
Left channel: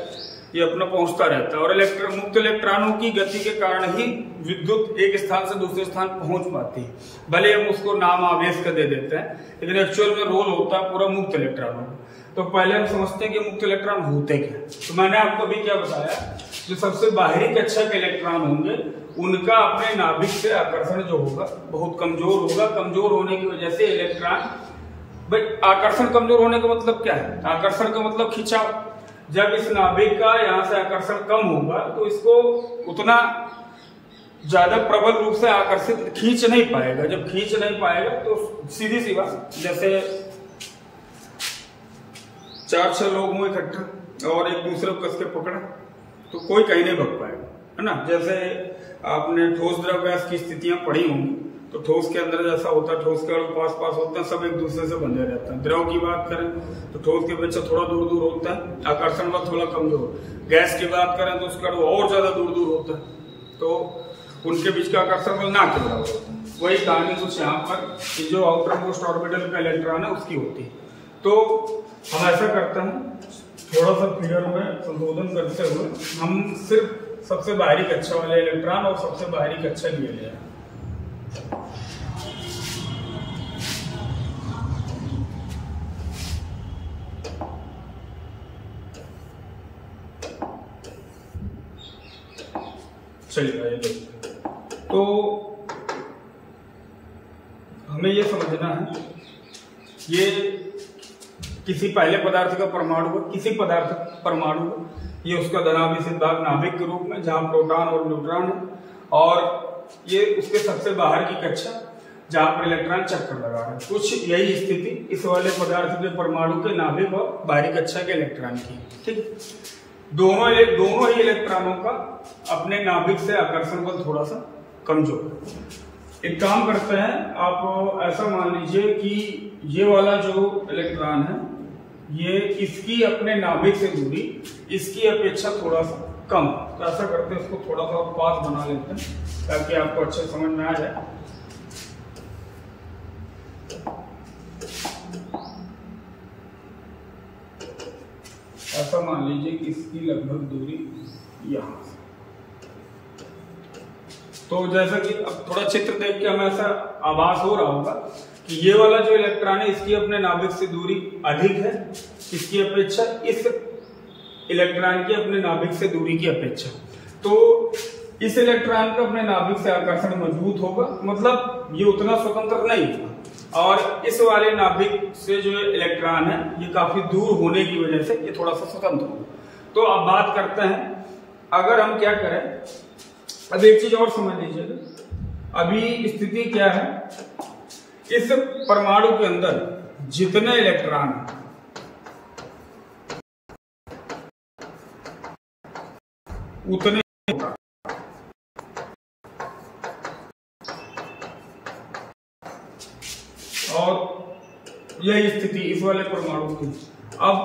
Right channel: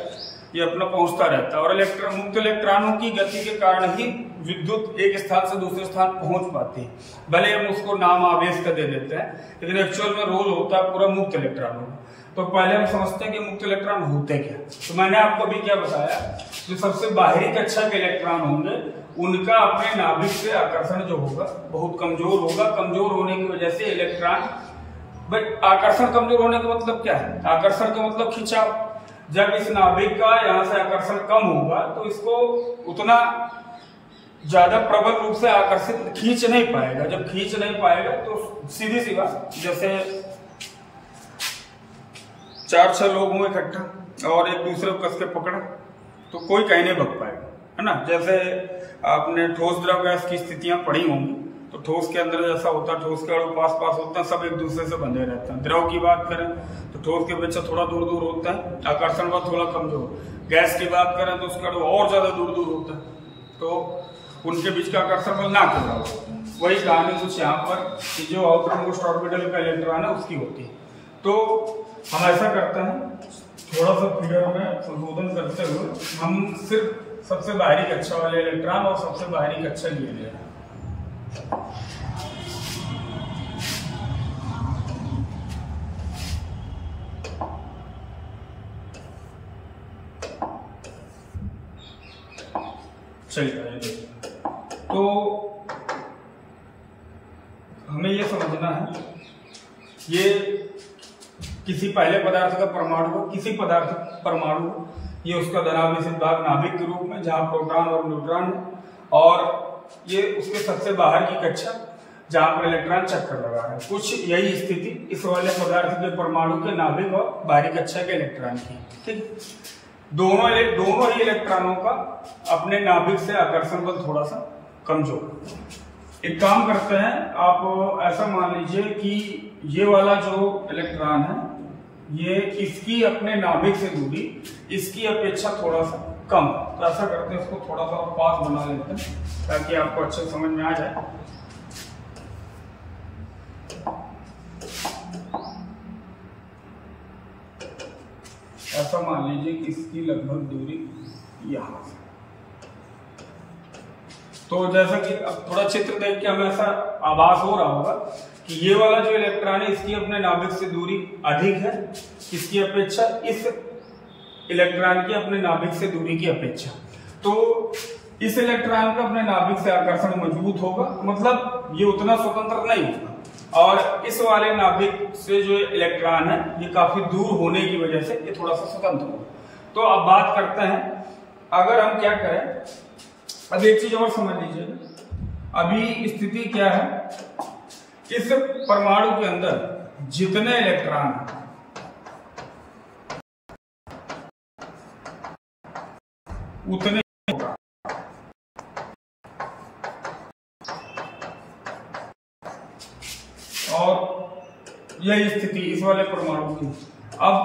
ये अपना पहुंचता रहता है। और मुक्त इलेक्ट्रॉनों की गति के कारण ही विद्युत एक स्थान से दूसरे स्थान पहुंच पाती है। भले हम उसको नाम आवेश का दे देते हैं, लेकिन एक्चुअल में रोल होता है पूरा मुक्त इलेक्ट्रॉनों का। तो पहले हम समझते हैं कि मुक्त इलेक्ट्रॉन होते क्या। तो मैंने आपको अभी क्या बताया, जो सबसे बाहरी कक्षा के इलेक्ट्रॉन होंगे उनका अपने नाभिक से आकर्षण जो होगा बहुत कमजोर होगा। कमजोर होने की वजह से इलेक्ट्रॉन, आकर्षण कमजोर होने का मतलब क्या है? आकर्षण का मतलब खिंचाव। जब इस नाभिक का यहाँ से आकर्षण कम होगा तो इसको उतना ज्यादा प्रबल रूप से आकर्षित खींच नहीं पाएगा। जब खींच नहीं पाएगा तो सीधी सी बात, जैसे 4-6 लोग हुए इकट्ठा और एक दूसरे को कस के पकड़ा तो कोई कहीं नहीं भग पाएगा, है ना। जैसे आपने ठोस द्रव गैस की स्थितियां पढ़ी होंगी, तो ठोस के अंदर जैसा होता है, ठोस के अणु पास होते हैं, सब एक दूसरे से बंधे रहते हैं। द्रव की बात करें तो ठोस के अपेक्षा थोड़ा दूर होता है, आकर्षण बल थोड़ा कमजोर। गैस की बात करें तो उसका अणु और ज्यादा दूर होता है, तो उनके बीच का आकर्षण बल ना के बराबर होता है। वही कहानी कुछ यहाँ पर कि जो आउटर मोस्ट ऑर्बिटल का इलेक्ट्रॉन है उसकी होती है। तो हम ऐसा करते हैं, थोड़ा सा फिगर में संशोधन करते हुए हम सिर्फ सबसे बाहरी कक्षा वाले इलेक्ट्रॉन और सबसे बाहरी कक्षा लिए ले। चलिए, तो हमें ये समझना है, ये किसी पहले पदार्थ का परमाणु हो, किसी पदार्थ परमाणु हो, ये उसका धनावेशित भाग नाभिक के रूप में जहां प्रोटॉन और न्यूट्रॉन है, और ये उसके सबसे बाहर की कक्षा जहां पर इलेक्ट्रॉन चक्कर लगा रहे हैं। कुछ यही स्थिति इस वाले पदार्थ के परमाणु के नाभिक और बाहरी कक्षा के इलेक्ट्रॉन की। ठीक, दोनों ही इलेक्ट्रॉनों का अपने नाभिक से आकर्षण बल थोड़ा सा कमजोर। एक काम करते हैं, आप ऐसा मान लीजिए कि ये वाला जो इलेक्ट्रॉन है ये इसकी अपने नाभिक से दूरी इसकी अपेक्षा थोड़ा सा कम। तो ऐसा करते हैं, इसको थोड़ा सा पास बना लेते हैं ताकि आपको अच्छे समझ में आ जाए। ऐसा मान लीजिए कि इसकी लगभग दूरी यहां से। तो जैसा कि अब थोड़ा चित्र देख के हमें ऐसा आभास हो रहा होगा कि ये वाला जो इलेक्ट्रॉन है इसकी अपने नाभिक से दूरी अधिक है इसकी अपेक्षा, इस इलेक्ट्रॉन की अपने नाभिक से दूरी की अपेक्षा। तो इस इलेक्ट्रॉन का अपने नाभिक से आकर्षण मजबूत होगा, मतलब ये उतना स्वतंत्र नहीं होगा। और इस वाले नाभिक से जो इलेक्ट्रॉन है ये काफी दूर होने की वजह से ये थोड़ा सा स्वतंत्र होगा। तो अब बात करते हैं, अगर हम क्या करें, अब एक चीज और समझ लीजिएगा, अभी स्थिति क्या है, इस परमाणु के अंदर जितने इलेक्ट्रॉन हैं उतने और यही स्थिति इस वाले परमाणु की। अब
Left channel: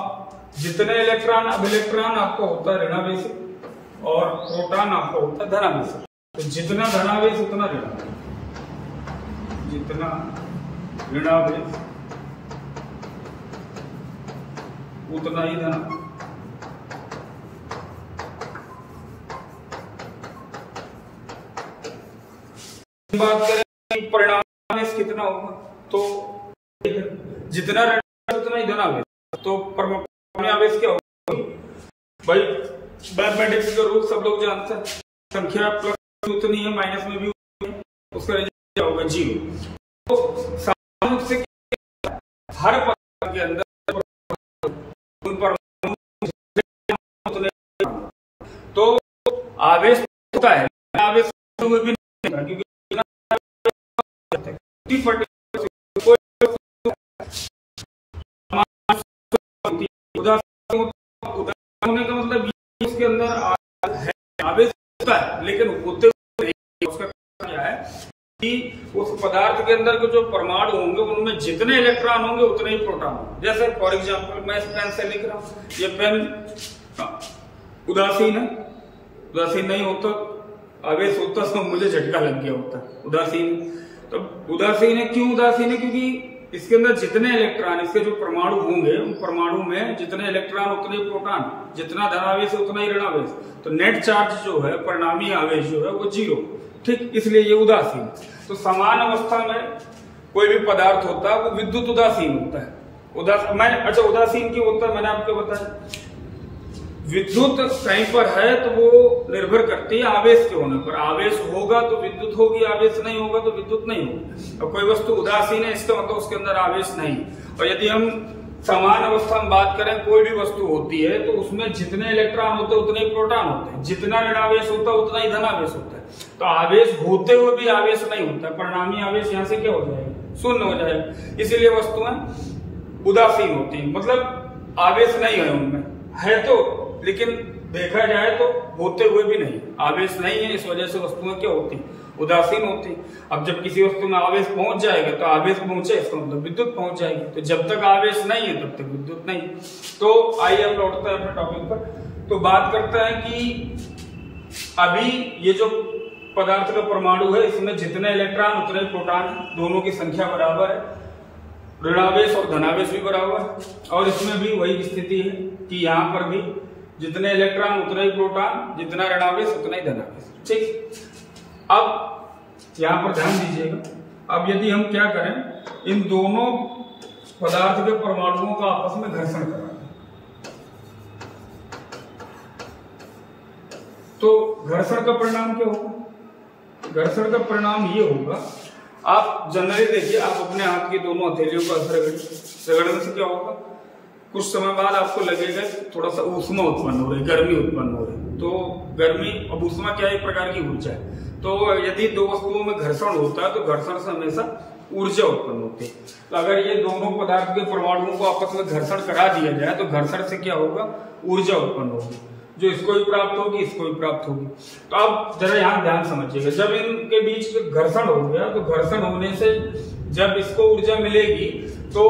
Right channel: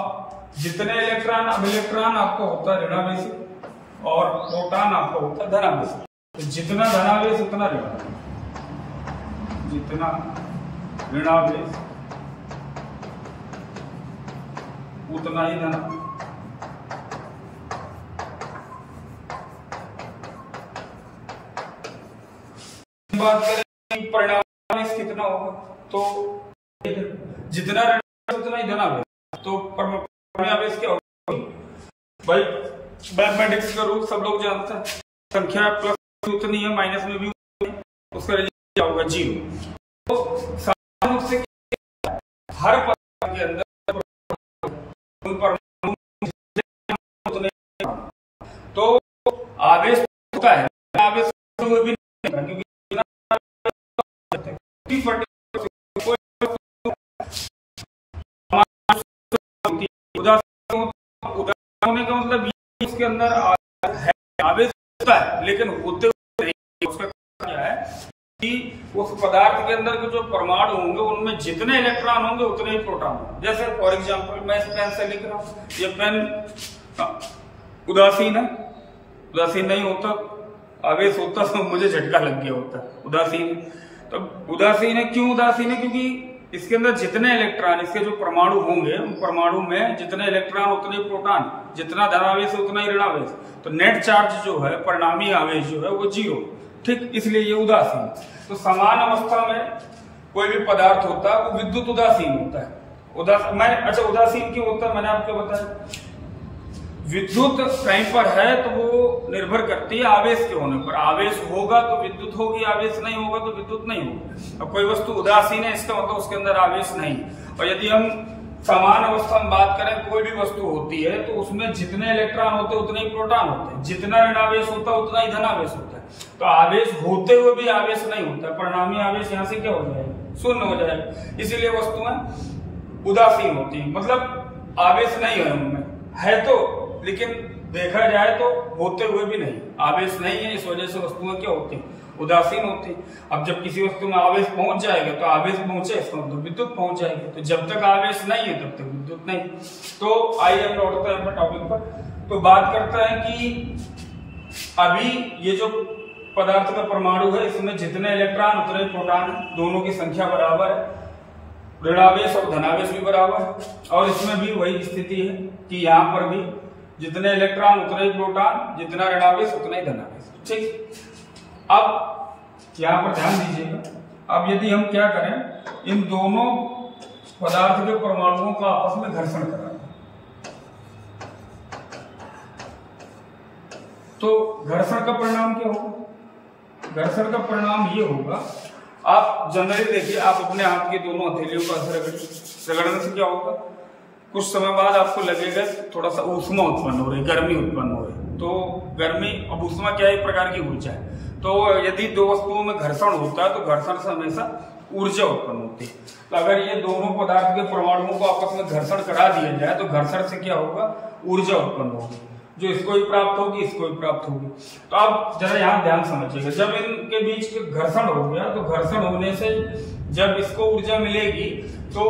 जितने इलेक्ट्रॉन, अब इलेक्ट्रॉन आपका होता है ऋणावेशी और प्रोटॉन आपका होता है धनावेशी। तो जितना धनावेश उतना ऋणावेश, जितना ऋणावेश उतना ही धनावेश। बात करें परिणाम कितना होगा, तो जितना ऋणावेश उतना ही धनावेश। तो परमाणु क्या होगा भाई, मैथमेटिक्स का रूल सब लोग जानते हैं, संख्या प्लस उतनी है माइनस में भी उतनी है, उसका रिजल्ट क्या होगा 0। तो सामान्य से हर पदार्थ के अंदर तो आवेश होता है, आवेश हुए भी नहीं, क्योंकि होने का मतलब इसके अंदर है आवेश होता है, लेकिन होते हुए नहीं। उसका क्या है कि उस पदार्थ के अंदर के जो परमाणु होंगे उनमें जितने इलेक्ट्रॉन होंगे उतने ही प्रोटॉन होंगे। जैसे फॉर एग्जांपल मैं इस पेन से लिख रहा हूं, ये पेन उदासीन है, उदासीन नहीं होता, आवेश होता तो मुझे झटका लग गया होता। उदासीन, तो उदासीन है। क्यों उदासीन है? क्योंकि इसके अंदर जितने इलेक्ट्रॉन, इसके जो परमाणु होंगे, उन परमाणु में जितने इलेक्ट्रॉन उतने प्रोटॉन, जितना धनावेश उतना ही ऋणावेश, तो नेट चार्ज जो है, परिणामी आवेश जो है वो 0, ठीक, इसलिए ये उदासीन। तो समान अवस्था में कोई भी पदार्थ होता है वो विद्युत उदासीन होता है। उदासीन क्यों होता है मैंने आपको बताया। विद्युत कहीं पर है तो वो निर्भर करती है आवेश के होने पर। आवेश होगा तो विद्युत होगी, आवेश नहीं होगा तो विद्युत नहीं होगी। अब कोई वस्तु उदासीन है, इसका मतलब उसके अंदर आवेश नहीं। और यदि हम समान अवस्था में बात करें, कोई भी वस्तु होती है तो उसमें जितने इलेक्ट्रॉन होते हैं उतने ही प्रोटॉन होते हैं, जितना ऋणावेश होता है उतना ही धनावेश होता है। तो आवेश होते हुए भी आवेश नहीं होता, परिणामी आवेश यहाँ से क्या हो जाएगा? शून्य हो जाएगा। इसीलिए वस्तुएं उदासीन होती है, मतलब आवेश नहीं है उनमें, है तो, लेकिन देखा जाए तो होते हुए भी नहीं, आवेश नहीं है, इस वजह से वस्तुएं क्या होती हैं? उदासीन होती हैं। अब जब किसी वस्तु में आवेश पहुंच जाएगा तो आवेश पहुंचे, इसका मतलब विद्युत पहुंच जाएगी। तो जब तक आवेश नहीं है तब तक विद्युत नहीं। तो आइए हम लौटते हैं अपने टॉपिक पर। तो बात करते हैं कि अभी ये जो पदार्थ का परमाणु है, इसमें जितने इलेक्ट्रॉन उतने प्रोटॉन, दोनों की संख्या बराबर है, ऋणावेश और धनावेश भी बराबर है। और इसमें भी वही स्थिति है कि यहाँ पर भी जितने इलेक्ट्रॉन उतने ही प्रोटॉन, जितना ऋणावेश उतना ही धनावेश, ठीक। अब यहाँ पर ध्यान दीजिएगा। अब यदि हम क्या करें, इन दोनों पदार्थ के परमाणुओं का आपस में घर्षण कराएं, तो घर्षण का परिणाम क्या होगा? घर्षण का परिणाम ये होगा, आप जनरली देखिए, आप अपने हाथ की दोनों हथेलियों का रगड़ने से क्या होगा? कुछ समय बाद आपको लगेगा थोड़ा सा ऊष्मा उत्पन्न हो रही है, गर्मी उत्पन्न हो रही है। तो गर्मी, अब ऊष्मा क्या है? एक प्रकार की ऊर्जा है। तो यदि दो वस्तुओं में घर्षण होता है तो घर्षण से हमेशा ऊर्जा उत्पन्न होती है। तो अगर ये दोनों पदार्थ के परमाणुओं को आपस में घर्षण करा दिया जाए तो घर्षण से क्या होगा? ऊर्जा उत्पन्न होगी, जो इसको भी प्राप्त होगी, इसको भी प्राप्त होगी। तो आप जरा यहाँ ध्यान समझिएगा, जब इनके बीच घर्षण हो गया तो घर्षण होने से जब इसको ऊर्जा मिलेगी तो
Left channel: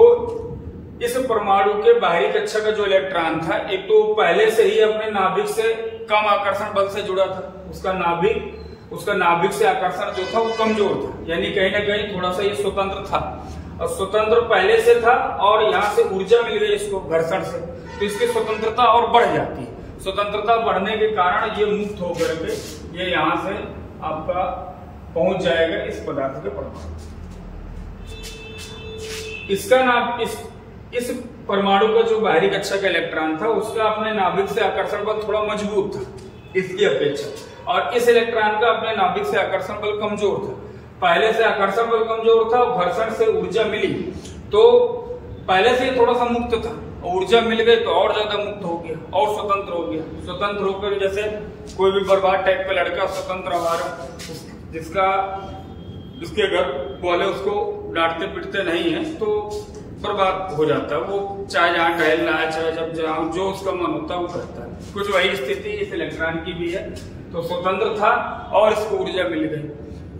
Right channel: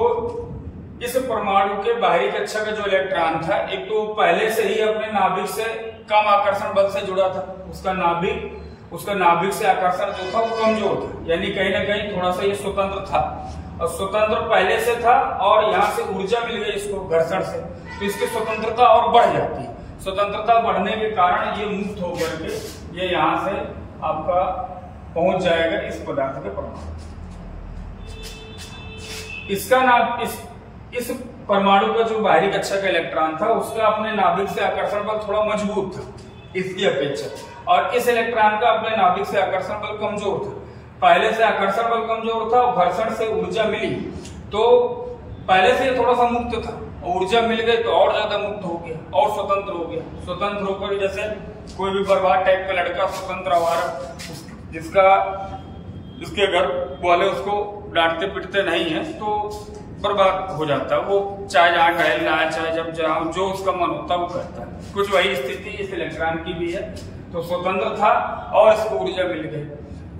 इस परमाणु के बाहरी कक्षा का जो इलेक्ट्रॉन था, एक तो पहले से ही अपने नाभिक से कम आकर्षण बल से जुड़ा था, उसका नाभिक से आकर्षण जो था वो कमजोर था, यानी कहीं ना कहीं थोड़ा सा ये स्वतंत्र था, और स्वतंत्र पहले से था, और यहाँ से ऊर्जा मिल गई इसको घर्षण से, तो इसकी स्वतंत्रता और बढ़ जाती है। स्वतंत्रता बढ़ने के कारण ये मुक्त होकर के ये यहाँ से आपका पहुंच जाएगा इस पदार्थ के परमाणु। इसका नाम, इस परमाणु का जो बाहरी कक्षा का इलेक्ट्रॉन था उसका अपने नाभिक से आकर्षण बल थोड़ा मजबूत था इसकी अपेक्षा, और इस इलेक्ट्रॉन का अपने नाभिक से आकर्षण बल कमजोर था। पहले से आकर्षण बल कमजोर था और घर्षण से ऊर्जा मिली तो पहले से थोड़ा सा मुक्त था, ऊर्जा मिल गई तो और ज्यादा मुक्त हो गया और स्वतंत्र हो गया। स्वतंत्र होकर जैसे कोई भी बर्बाद टाइप का लड़का स्वतंत्र आवारा, जिसके घर वाले उसको डांटते पिटते नहीं है तो बर्बाद हो जाता है, वो चाहे जहाँ टहलना है, चाहे जब जहाँ जो उसका मन होता है वो करता है। कुछ वही स्थिति इस इलेक्ट्रॉन की भी है। तो स्वतंत्र था और इसको ऊर्जा मिल गई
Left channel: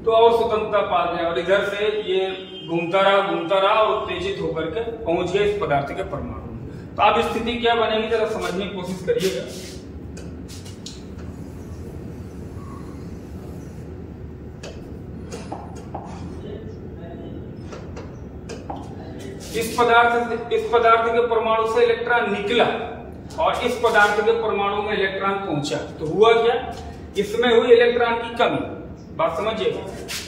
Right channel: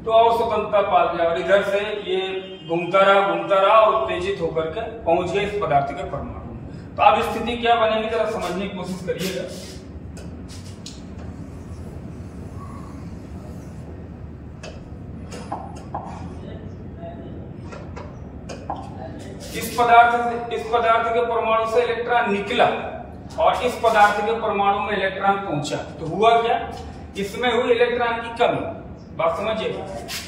तो और स्वतंत्रता पा गया, और इधर से ये घूमता रहा और उत्तेजित होकर के पहुंच गया इस पदार्थ के परमाणु में। तो अब स्थिति क्या बनेगी जरा समझने की कोशिश करिएगा। इस पदार्थ के परमाणु से इलेक्ट्रॉन निकला और इस पदार्थ के परमाणु में इलेक्ट्रॉन पहुंचा, तो हुआ क्या? इसमें हुई इलेक्ट्रॉन की कमी। बात समझिए,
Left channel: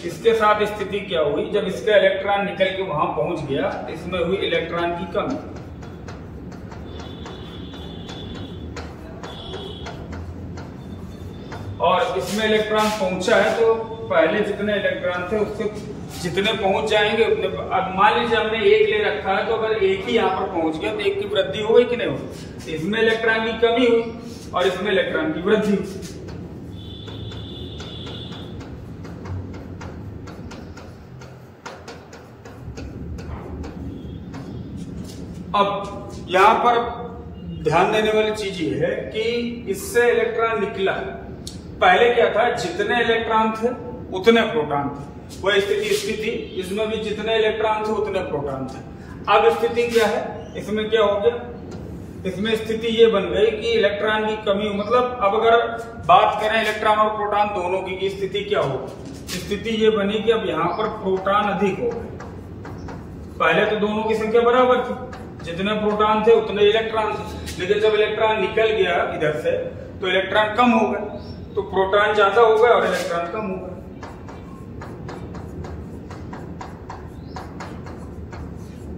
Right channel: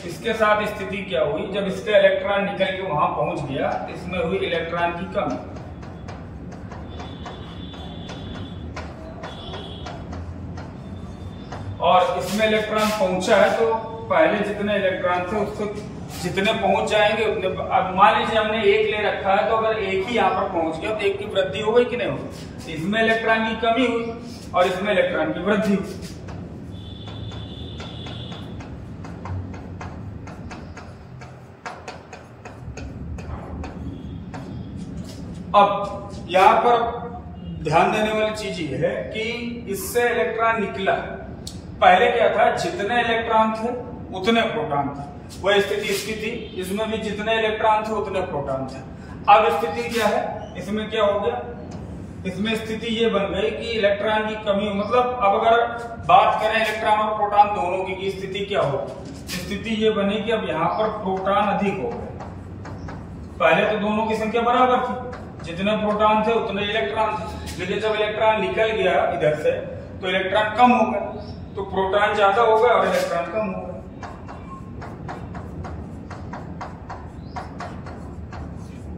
इसके साथ स्थिति क्या हुई? जब इसका इलेक्ट्रॉन निकल के वहां पहुंच गया तो इसमें हुई इलेक्ट्रॉन की कमी, और इसमें इलेक्ट्रॉन पहुंचा है तो पहले जितने इलेक्ट्रॉन थे उससे जितने पहुंच जाएंगे उतने। अब मान लीजिए हमने एक ले रखा है तो अगर एक ही यहाँ पर पहुंच गया तो एक की वृद्धि हो गई कि नहीं हुई? इसमें इलेक्ट्रॉन की कमी हुई और इसमें इलेक्ट्रॉन की वृद्धि हुई। अब यहाँ पर ध्यान देने वाली चीज ये है कि इससे इलेक्ट्रॉन निकला, पहले क्या था? जितने इलेक्ट्रॉन थे उतने प्रोटॉन थे, वह स्थिति इसकी थी। इसमें भी जितने इलेक्ट्रॉन थे उतने प्रोटॉन थे। अब स्थिति क्या है? इसमें क्या हो गया? इसमें स्थिति ये बन गई कि इलेक्ट्रॉन की कमी हो, मतलब अब अगर बात करें इलेक्ट्रॉन और प्रोटॉन दोनों की स्थिति क्या हो, स्थिति ये बनी कि अब यहाँ पर प्रोटॉन अधिक हो गए। पहले तो दोनों की संख्या बराबर थी, जितने प्रोटॉन थे उतने इलेक्ट्रॉन थे, लेकिन जब इलेक्ट्रॉन निकल गया इधर से तो इलेक्ट्रॉन कम हो गए, तो प्रोटॉन ज्यादा हो गए और इलेक्ट्रॉन कम हो गए।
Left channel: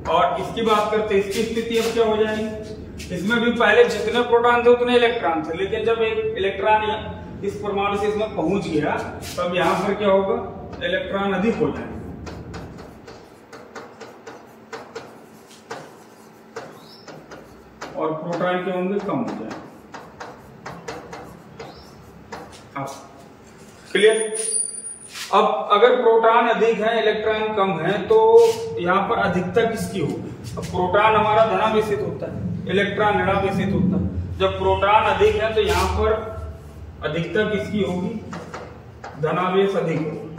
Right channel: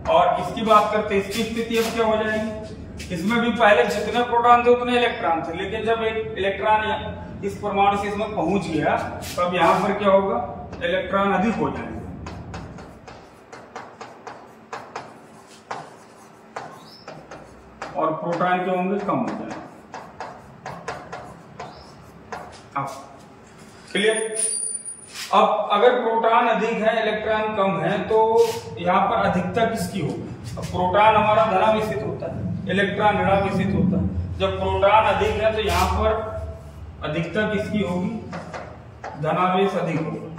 और इसकी बात करते इसकी स्थिति अब क्या हो जाएगी, इसमें भी पहले जितने प्रोटॉन थे उतने इलेक्ट्रॉन थे, लेकिन जब एक इलेक्ट्रॉन इस परमाणु से इसमें पहुंच गया तब यहां पर क्या होगा, इलेक्ट्रॉन अधिक हो जाएंगे और प्रोटॉन क्या होंगे, कम हो जाएंगे। क्लियर। अब अगर प्रोटॉन अधिक है इलेक्ट्रॉन कम है तो यहाँ पर अधिकता किसकी होगी, अब प्रोटॉन हमारा धनावेशित होता है, इलेक्ट्रॉन ऋणावेशित होता है। जब प्रोटॉन अधिक है तो यहाँ पर अधिकता किसकी होगी, धनावेश अधिक होगा।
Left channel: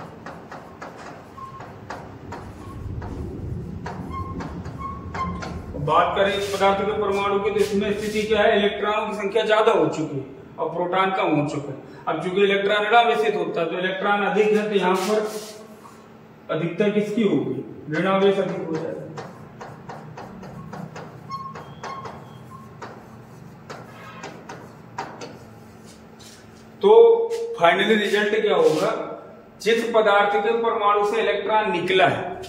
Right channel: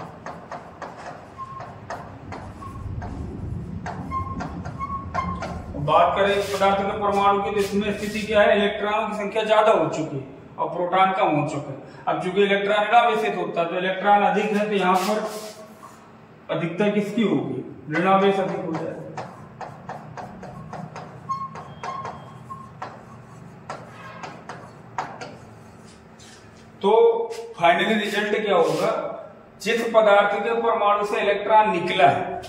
बात करें इस पदार्थ के परमाणु की तो इसमें स्थिति क्या है, इलेक्ट्रॉनों की संख्या ज्यादा हो चुकी है और प्रोटॉन कम हो चुका है। अब चूंकि इलेक्ट्रॉन ऋणावेशित होता है तो इलेक्ट्रॉन अधिक है तो यहाँ पर अधिकता किसकी होगी, ऋणावेश अधिक हो जाएगा। तो फाइनली रिजल्ट क्या होगा, जिस पदार्थ के परमाणु से इलेक्ट्रॉन निकला है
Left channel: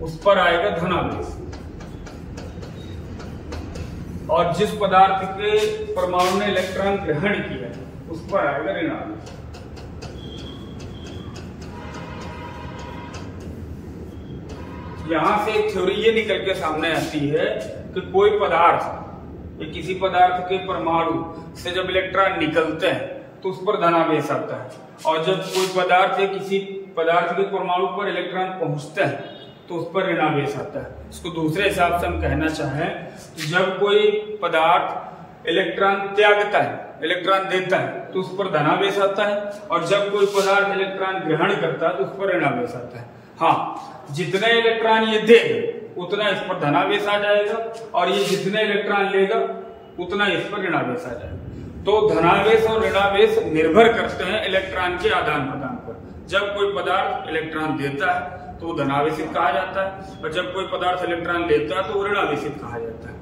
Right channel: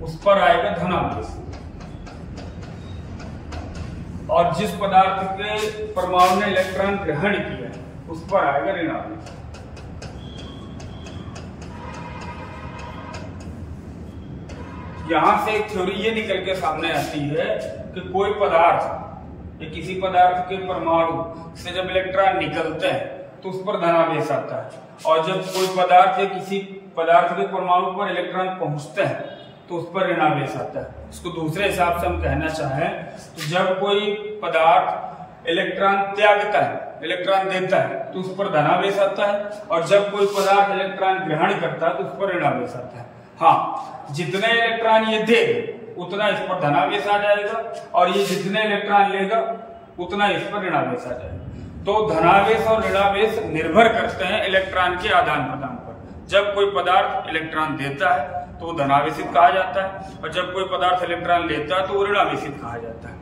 उस पर आएगा धनावेश, और जिस पदार्थ के परमाणु ने इलेक्ट्रॉन ग्रहण किया है उस पर आएगा ऋणावेश। यहां से एक थ्योरी ये निकल के सामने आती है कि कोई पदार्थ, किसी पदार्थ के परमाणु से जब इलेक्ट्रॉन निकलते हैं तो उस पर धनावेश आता है, और जब कोई पदार्थ या किसी पदार्थ के परमाणु पर इलेक्ट्रॉन पहुंचते हैं तो उस पर ऋणावेश आता है। इसको दूसरे हिसाब से हम कहना चाहें तो जब कोई पदार्थ इलेक्ट्रॉन त्यागता है, इलेक्ट्रॉन देता है तो उस पर धनावेश आता है, और जब कोई पदार्थ इलेक्ट्रॉन ग्रहण करता है तो उस पर ऋणावेश आता है। हाँ, जितने इलेक्ट्रॉन ये देगा उतना इस पर धनावेश आ जाएगा, और ये जितने इलेक्ट्रॉन लेगा उतना इस पर ऋणावेश आ जाएगा। तो धनावेश और ऋणावेश निर्भर करते हैं इलेक्ट्रॉन के आदान प्रदान पर। जब कोई पदार्थ इलेक्ट्रॉन देता है तो धनावेशित कहा जाता है, और जब कोई पदार्थ इलेक्ट्रॉन लेता है तो ऋणावेशित कहा जाता है।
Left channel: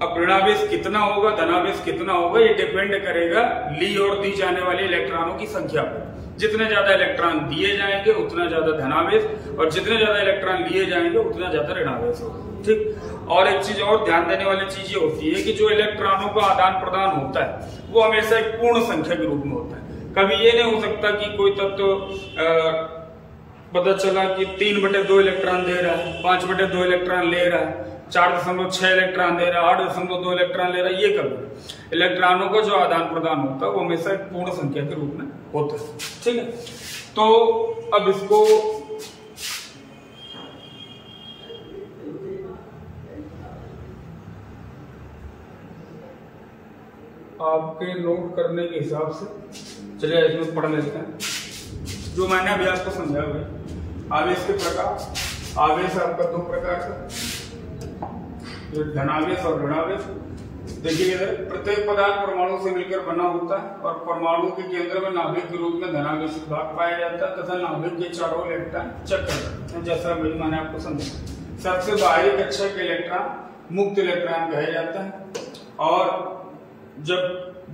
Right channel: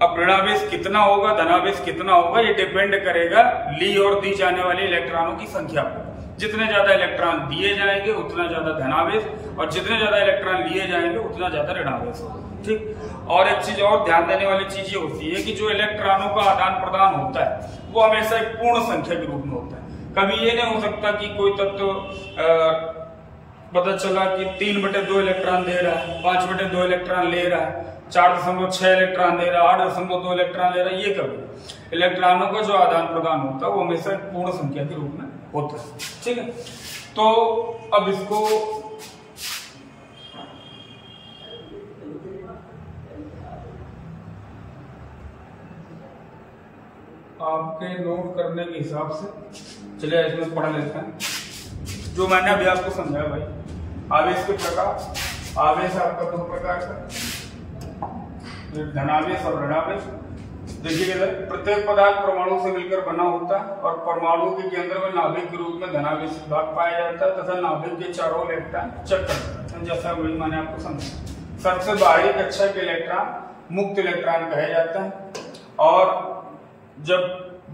अब ऋणावेश कितना होगा, धनावेश कितना होगा, ये डिपेंड करेगा ली और दी जाने वाले इलेक्ट्रॉनों की संख्या पर। जितने ज्यादा इलेक्ट्रॉन दिए जाएंगे उतना ज्यादा धनावेश, और जितने ज्यादा इलेक्ट्रॉन लिए जाएंगे उतना ज्यादा ऋणावेश होगा। ठीक। और एक चीज और ध्यान देने वाली चीज ये होती है कि जो इलेक्ट्रॉनों का आदान प्रदान होता है वो हमेशा एक पूर्ण संख्या के रूप में होता है। कभी ये नहीं हो सकता कि कोई तत्व पता चला कि 3/2 इलेक्ट्रॉन दे रहा है, 5/2 इलेक्ट्रॉन ले रहा है, 4.6 इलेक्ट्रॉन दे रहा है, 8.2 इलेक्ट्रॉन ले रहा है। ये कभी इलेक्ट्रॉनों का जो आदान प्रदान होता है वो हमेशा एक पूर्ण संख्या के रूप में होता है। ठीक है। तो अब इसको आपके नोट करने के हिसाब से चलिए इसमें पढ़ लेते हैं जो मैंने अभी आपको समझाया। भाई, आवेश के प्रकार, आवेश आपका 2 प्रकार का, धनावेश और ऋणावेश। देखिए इधर प्रत्येक पदार्थ परमाणु से मिलकर बना होता है, और परमाणु के केंद्र में नाभिक के रूप में धनावेशित भाग पाया जाता है तथा नाभिक के चारों इलेक्ट्रॉन चक्कर करते हैं, जैसा भाई मैंने आपको समझाया। सबसे बाहरी कक्षा के इलेक्ट्रॉन मुक्त इलेक्ट्रॉन कहे जाता है, और जब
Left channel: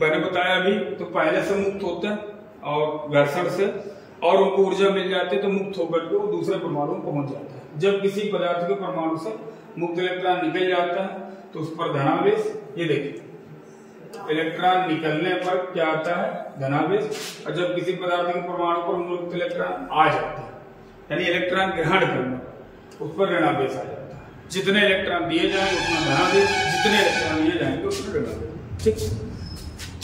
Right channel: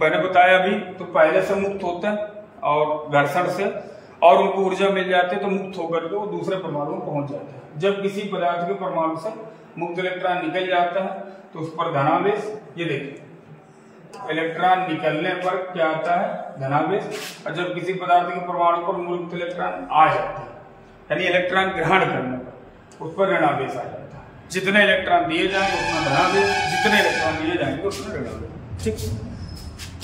मैंने बताया अभी तो पहले से मुक्त होते हैं और घर्षण से, और उनको ऊर्जा मिल जाती है तो मुक्त होकर के वो दूसरे परमाणु में पहुंच जाता है। जब किसी पदार्थ के परमाणु से मुक्त इलेक्ट्रॉन निकल जाता है तो उस पर धनावेश, ये देखिए इलेक्ट्रॉन निकलने पर क्या आता है, धनावेश, और जब किसी पदार्थ के परमाणु पर मुक्त इलेक्ट्रॉन आ जाता है यानी इलेक्ट्रॉन ग्रहण करने पर उस पर ऋणावेश आ जाता है। जितने इलेक्ट्रॉन दिए जाएंगे उतना धनावेश, जितने इलेक्ट्रॉन लिए जाएंगे उतना ऋणावेश। ठीक।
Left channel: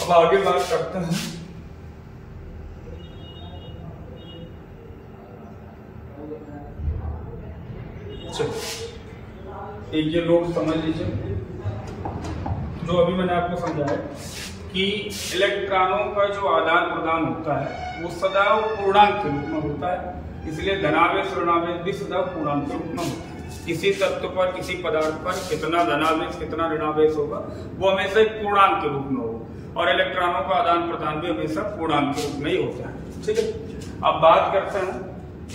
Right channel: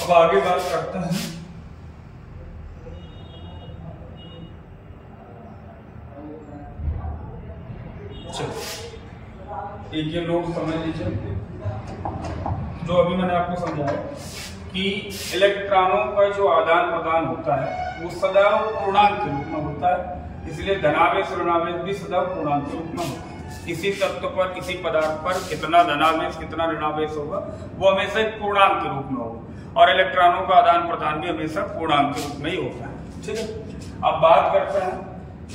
अब आगे बात करते हैं एक ये नोट समझ लीजिए जो अभी मैंने आपको समझाया कि इलेक्ट्रॉनों का जो आदान प्रदान होता है वो सदैव पूर्णांक के रूप में होता है, इसलिए धनावेश ऋणावेश भी सदैव पूर्णांक के रूप में होता है। किसी तत्व पर, किसी पदार्थ पर कितना धनावेश कितना ऋणावेश होगा वो हमेशा एक पूर्णांक के रूप में होगा, और इलेक्ट्रॉनों का आदान प्रदान भी हमेशा पूर्णांक के रूप में ही होता है। ठीक है, अब बात करते हैं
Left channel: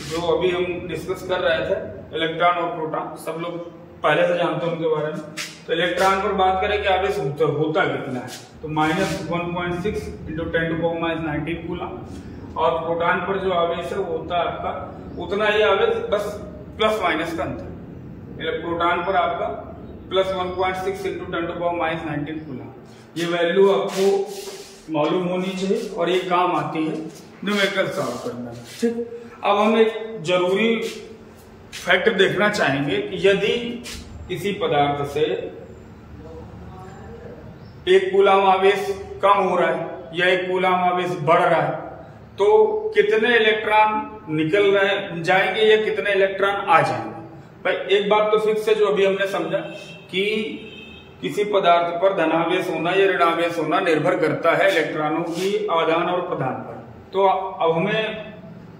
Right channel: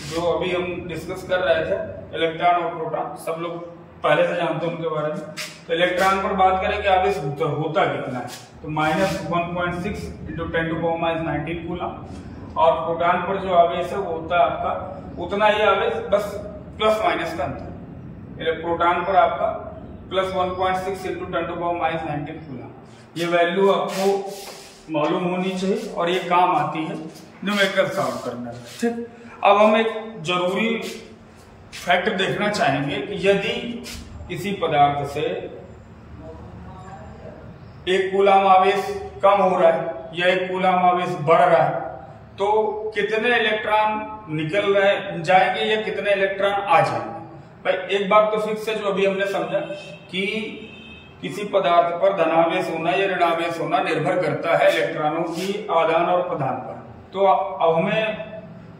जो अभी हम डिस्कस कर रहे थे, इलेक्ट्रॉन और प्रोटॉन, सब लोग पहले से जानते हैं उनके बारे में। तो इलेक्ट्रॉन पर बात करें कि आवेश होता कितना है, तो -1.6 × 10⁻19 कूलम, और प्रोटॉन पर जो आवेश है वो होता है आपका उतना ही आवेश, बस प्लस माइनस का अंतर। प्रोटॉन पर आपका +1.6 × 10⁻19 कूलम। ये वैल्यू आपको मालूम होनी चाहिए और ये काम आती है न्यूमेरिकल सॉल्व करने में। ठीक, अब हम एक जरूरी फैक्ट देखना चाहेंगे कि यदि किसी पदार्थ से एक कूलम आवेश कम हो रहा है या एक कूलम आवेश बढ़ रहा है, तो कितने इलेक्ट्रॉन निकल रहे जाएंगे या कितने इलेक्ट्रॉन आ जाएंगे। भाई एक बात तो फिक्स है जो अभी हमने समझा कि किसी पदार्थ पर धनावेश होना या ऋणावेश होना निर्भर करता है इलेक्ट्रॉनों की आदान और प्रदान पर। तो अब हमें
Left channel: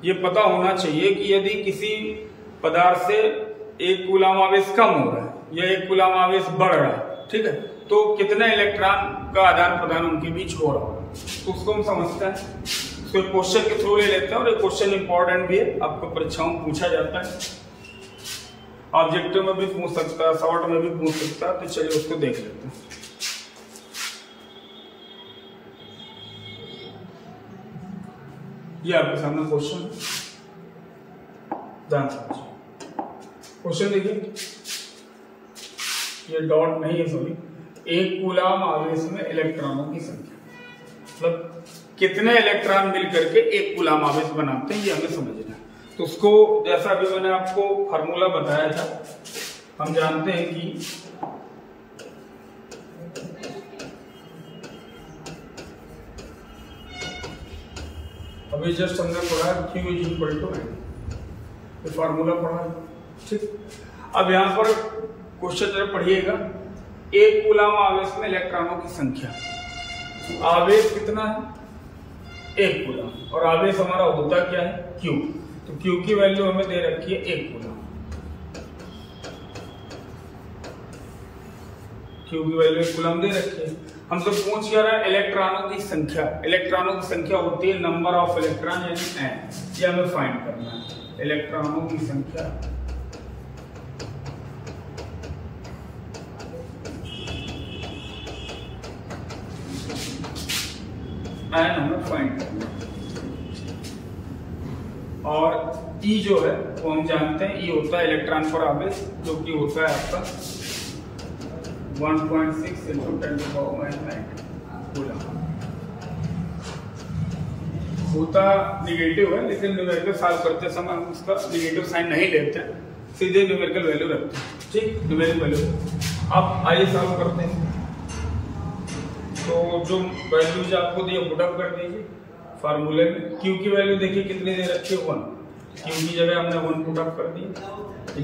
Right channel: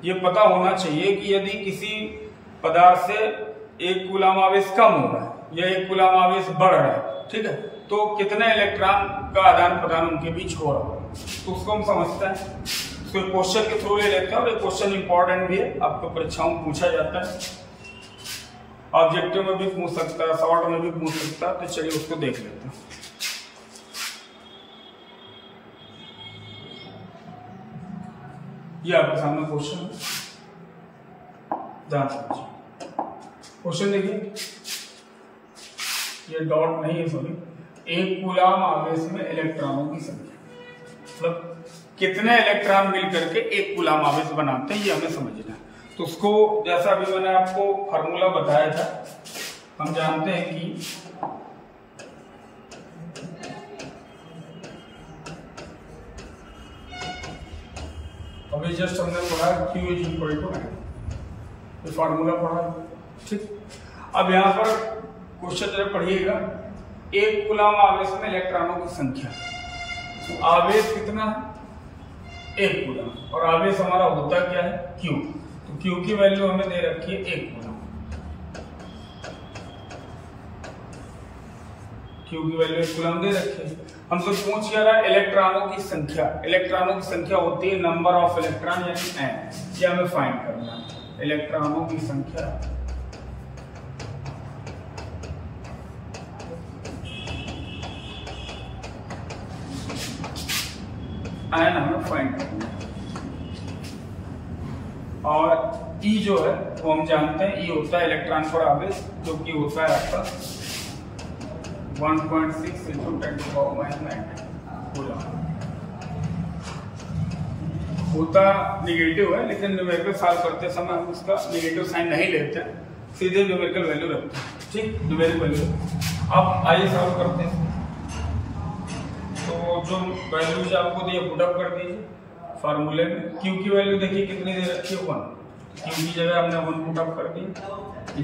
ये पता होना चाहिए कि यदि किसी पदार्थ से एक कूलम आवेश कम हो रहा है या एक कूलम आवेश बढ़ रहा है, ठीक है, तो कितने इलेक्ट्रॉन का आदान प्रदान उनके बीच हो रहा है, तो उसको हम समझते हैं। तो क्वेश्चन के थ्रू ले लेते हैं, और ये क्वेश्चन इंपॉर्टेंट भी है, आपको परीक्षाओं में पूछा जाता है, ऑब्जेक्टिव में भी पूछ सकता है, शॉर्ट में भी पूछ सकता है। तो चलिए उसको देख लेते हैं। ये आपके सामने क्वेश्चन है, ध्यान से क्वेश्चन देखिए। ये डॉट नहीं है, सॉरी, एक कूलम आवेश में इलेक्ट्रॉनों की संख्या, मतलब कितने इलेक्ट्रॉन मिलकर के एक कूलम आवेश बनाते हैं, ये हमें समझना है। तो उसको जैसा अभी मैंने आपको फार्मूला बताया था, हम जानते हैं कि अभी जस्ट हमने पढ़ा Q = N, ये फार्मूला पढ़ा। ठीक, अब यहां पर क्वेश्चन पढ़िएगा, एक कूलम आवेश में इलेक्ट्रॉनों की संख्या, तो आवेश कितना है, एक कूलम, और आवेश हमारा होता क्या है, Q। तो Q की वैल्यू हमें दे रखी है एक कूलम, Q की वैल्यू एक कूलम दे रखी है। हमसे पूछ क्या रहा है, इलेक्ट्रॉनों की संख्या। इलेक्ट्रॉनों की संख्या होती है नंबर ऑफ इलेक्ट्रॉन यानी N, ये हमें फाइंड करना है। इलेक्ट्रॉनों की संख्या N हमें फाइंड करना है, और E जो है वो हम जानते हैं, E होता है इलेक्ट्रॉन पर आवेश, जो कि होता है आपका 1.6 × 10⁻19 कूलम। होता निगेटिव है, लेकिन न्यूमेरिकल सॉल्व करते समय हम उसका निगेटिव साइन नहीं लेते हैं, सीधे न्यूमेरिकल वैल्यू रखते हैं। ठीक, न्यूमेरिकल वैल्यू। अब आइए सॉल्व करते हैं। तो जो वैल्यूज आपको दिए पुटअप कर दीजिए फार्मूले में। Q की वैल्यू देखिए कितनी दे रखी है, 1। Q की जगह हमने 1 पुटअप कर दी, =,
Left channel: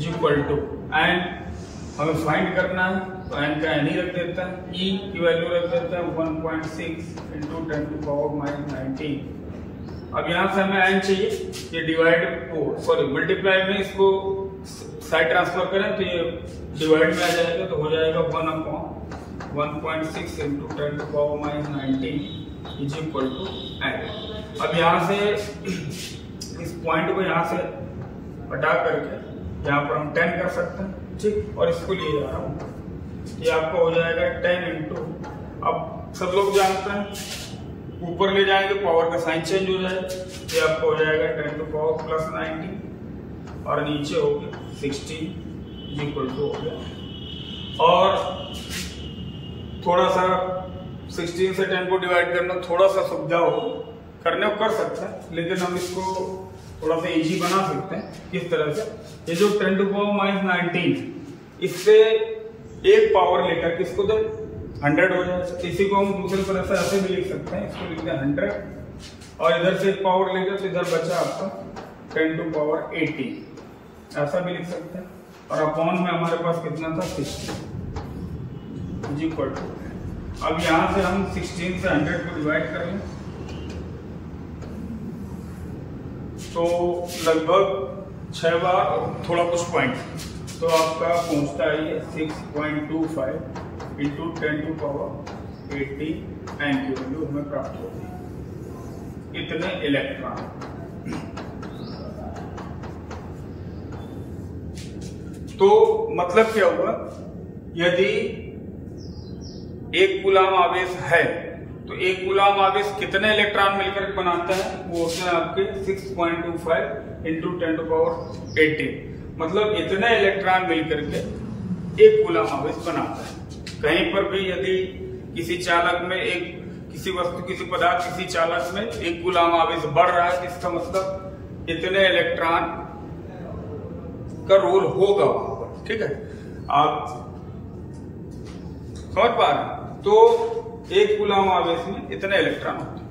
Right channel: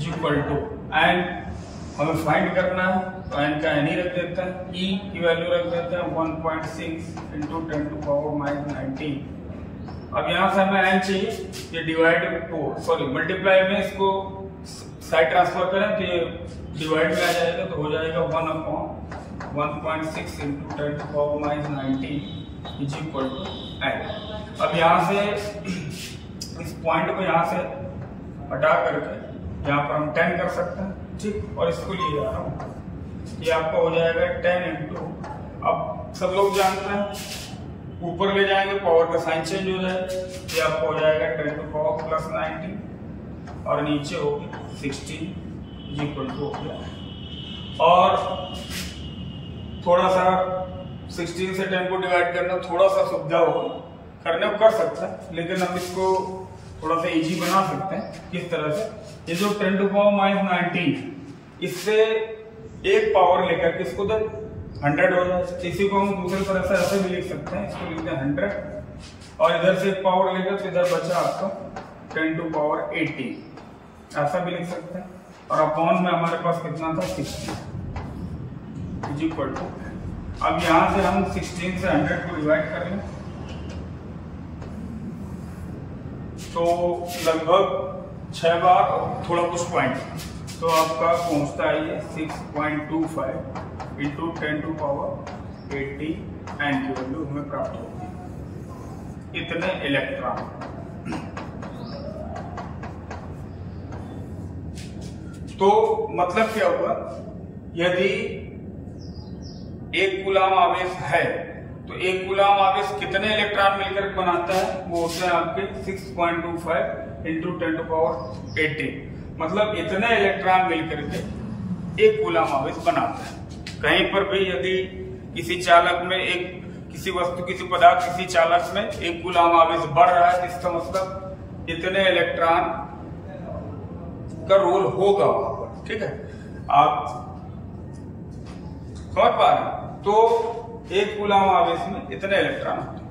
हमें फाइंड करना है तो n का n ही रख देते हैं। E की वैल्यू रख देते हैं 1.6 × 10⁻19। अब यहाँ से हमें n चाहिए, ये मल्टीप्लाई में इसको साइड ट्रांसफर करें तो ये डिवाइड में आ जाएगा, तो हो जाएगा 1/1.6 × 10⁻19 =n। अब यहाँ से इस पॉइंट को यहाँ से हटा करके यहाँ पर हम 10 कर सकते हैं। ठीक, और इसको ले जा रहा हूँ, ये आपका हो जाएगा 10 × अब सब लोग जानते हैं ऊपर ले जाएंगे पावर का साइन चेंज हो जाएगा, ये आपका हो जाएगा 10⁻+19 और नीचे हो गया 16 हो गया। और थोड़ा सा 16 से 10 को डिवाइड करना थोड़ा सा सुविधा होगा, करने को कर सकते हैं, लेकिन हम इसको थोड़ा सा इजी बना सकते हैं। किस तरह से, ये जो 10⁻19 इससे एक पावर लेकर के इसको 100 हो जाए। इसी को हम दूसरी तरह से ऐसे भी लिख सकते हैं, इसको लिखते हैं 100 और इधर से एक पावर लेकर तो इधर बचा आपका 10⁻80, ऐसा भी लिख सकते हैं। और अपॉन में हमारे पास कितना था, 60 =। अब यहां से हम 16 से 100 को डिवाइड कर लें तो लगभग 6 बार और थोड़ा कुछ पॉइंट तो आपका पहुंचता है ये 6.25 इंटू 10⁻80 एन की वैल्यू हमें प्राप्त होती है, इतने इलेक्ट्रॉन। तो मतलब क्या हुआ, यदि एक कूलाम आवेश है तो एक कूलाम आवेश कितने इलेक्ट्रॉन मिलकर बनाता है, वो होते हैं आपके 6.25 इंटू 10⁻80, मतलब इतने इलेक्ट्रॉन मिलकर के एक कूलाम आवेश बनाता है। कहीं पर भी यदि किसी चालक में किसी वस्तु, किसी पदार्थ, किसी चालक में एक कूलाम आवेश बढ़ रहा है, इसका मतलब इतने इलेक्ट्रॉन का रोल होगा वहां पर। ठीक है, आप समझ पा रहे हैं? तो एक कूलाम आवेश में इतने इलेक्ट्रॉन होते हैं।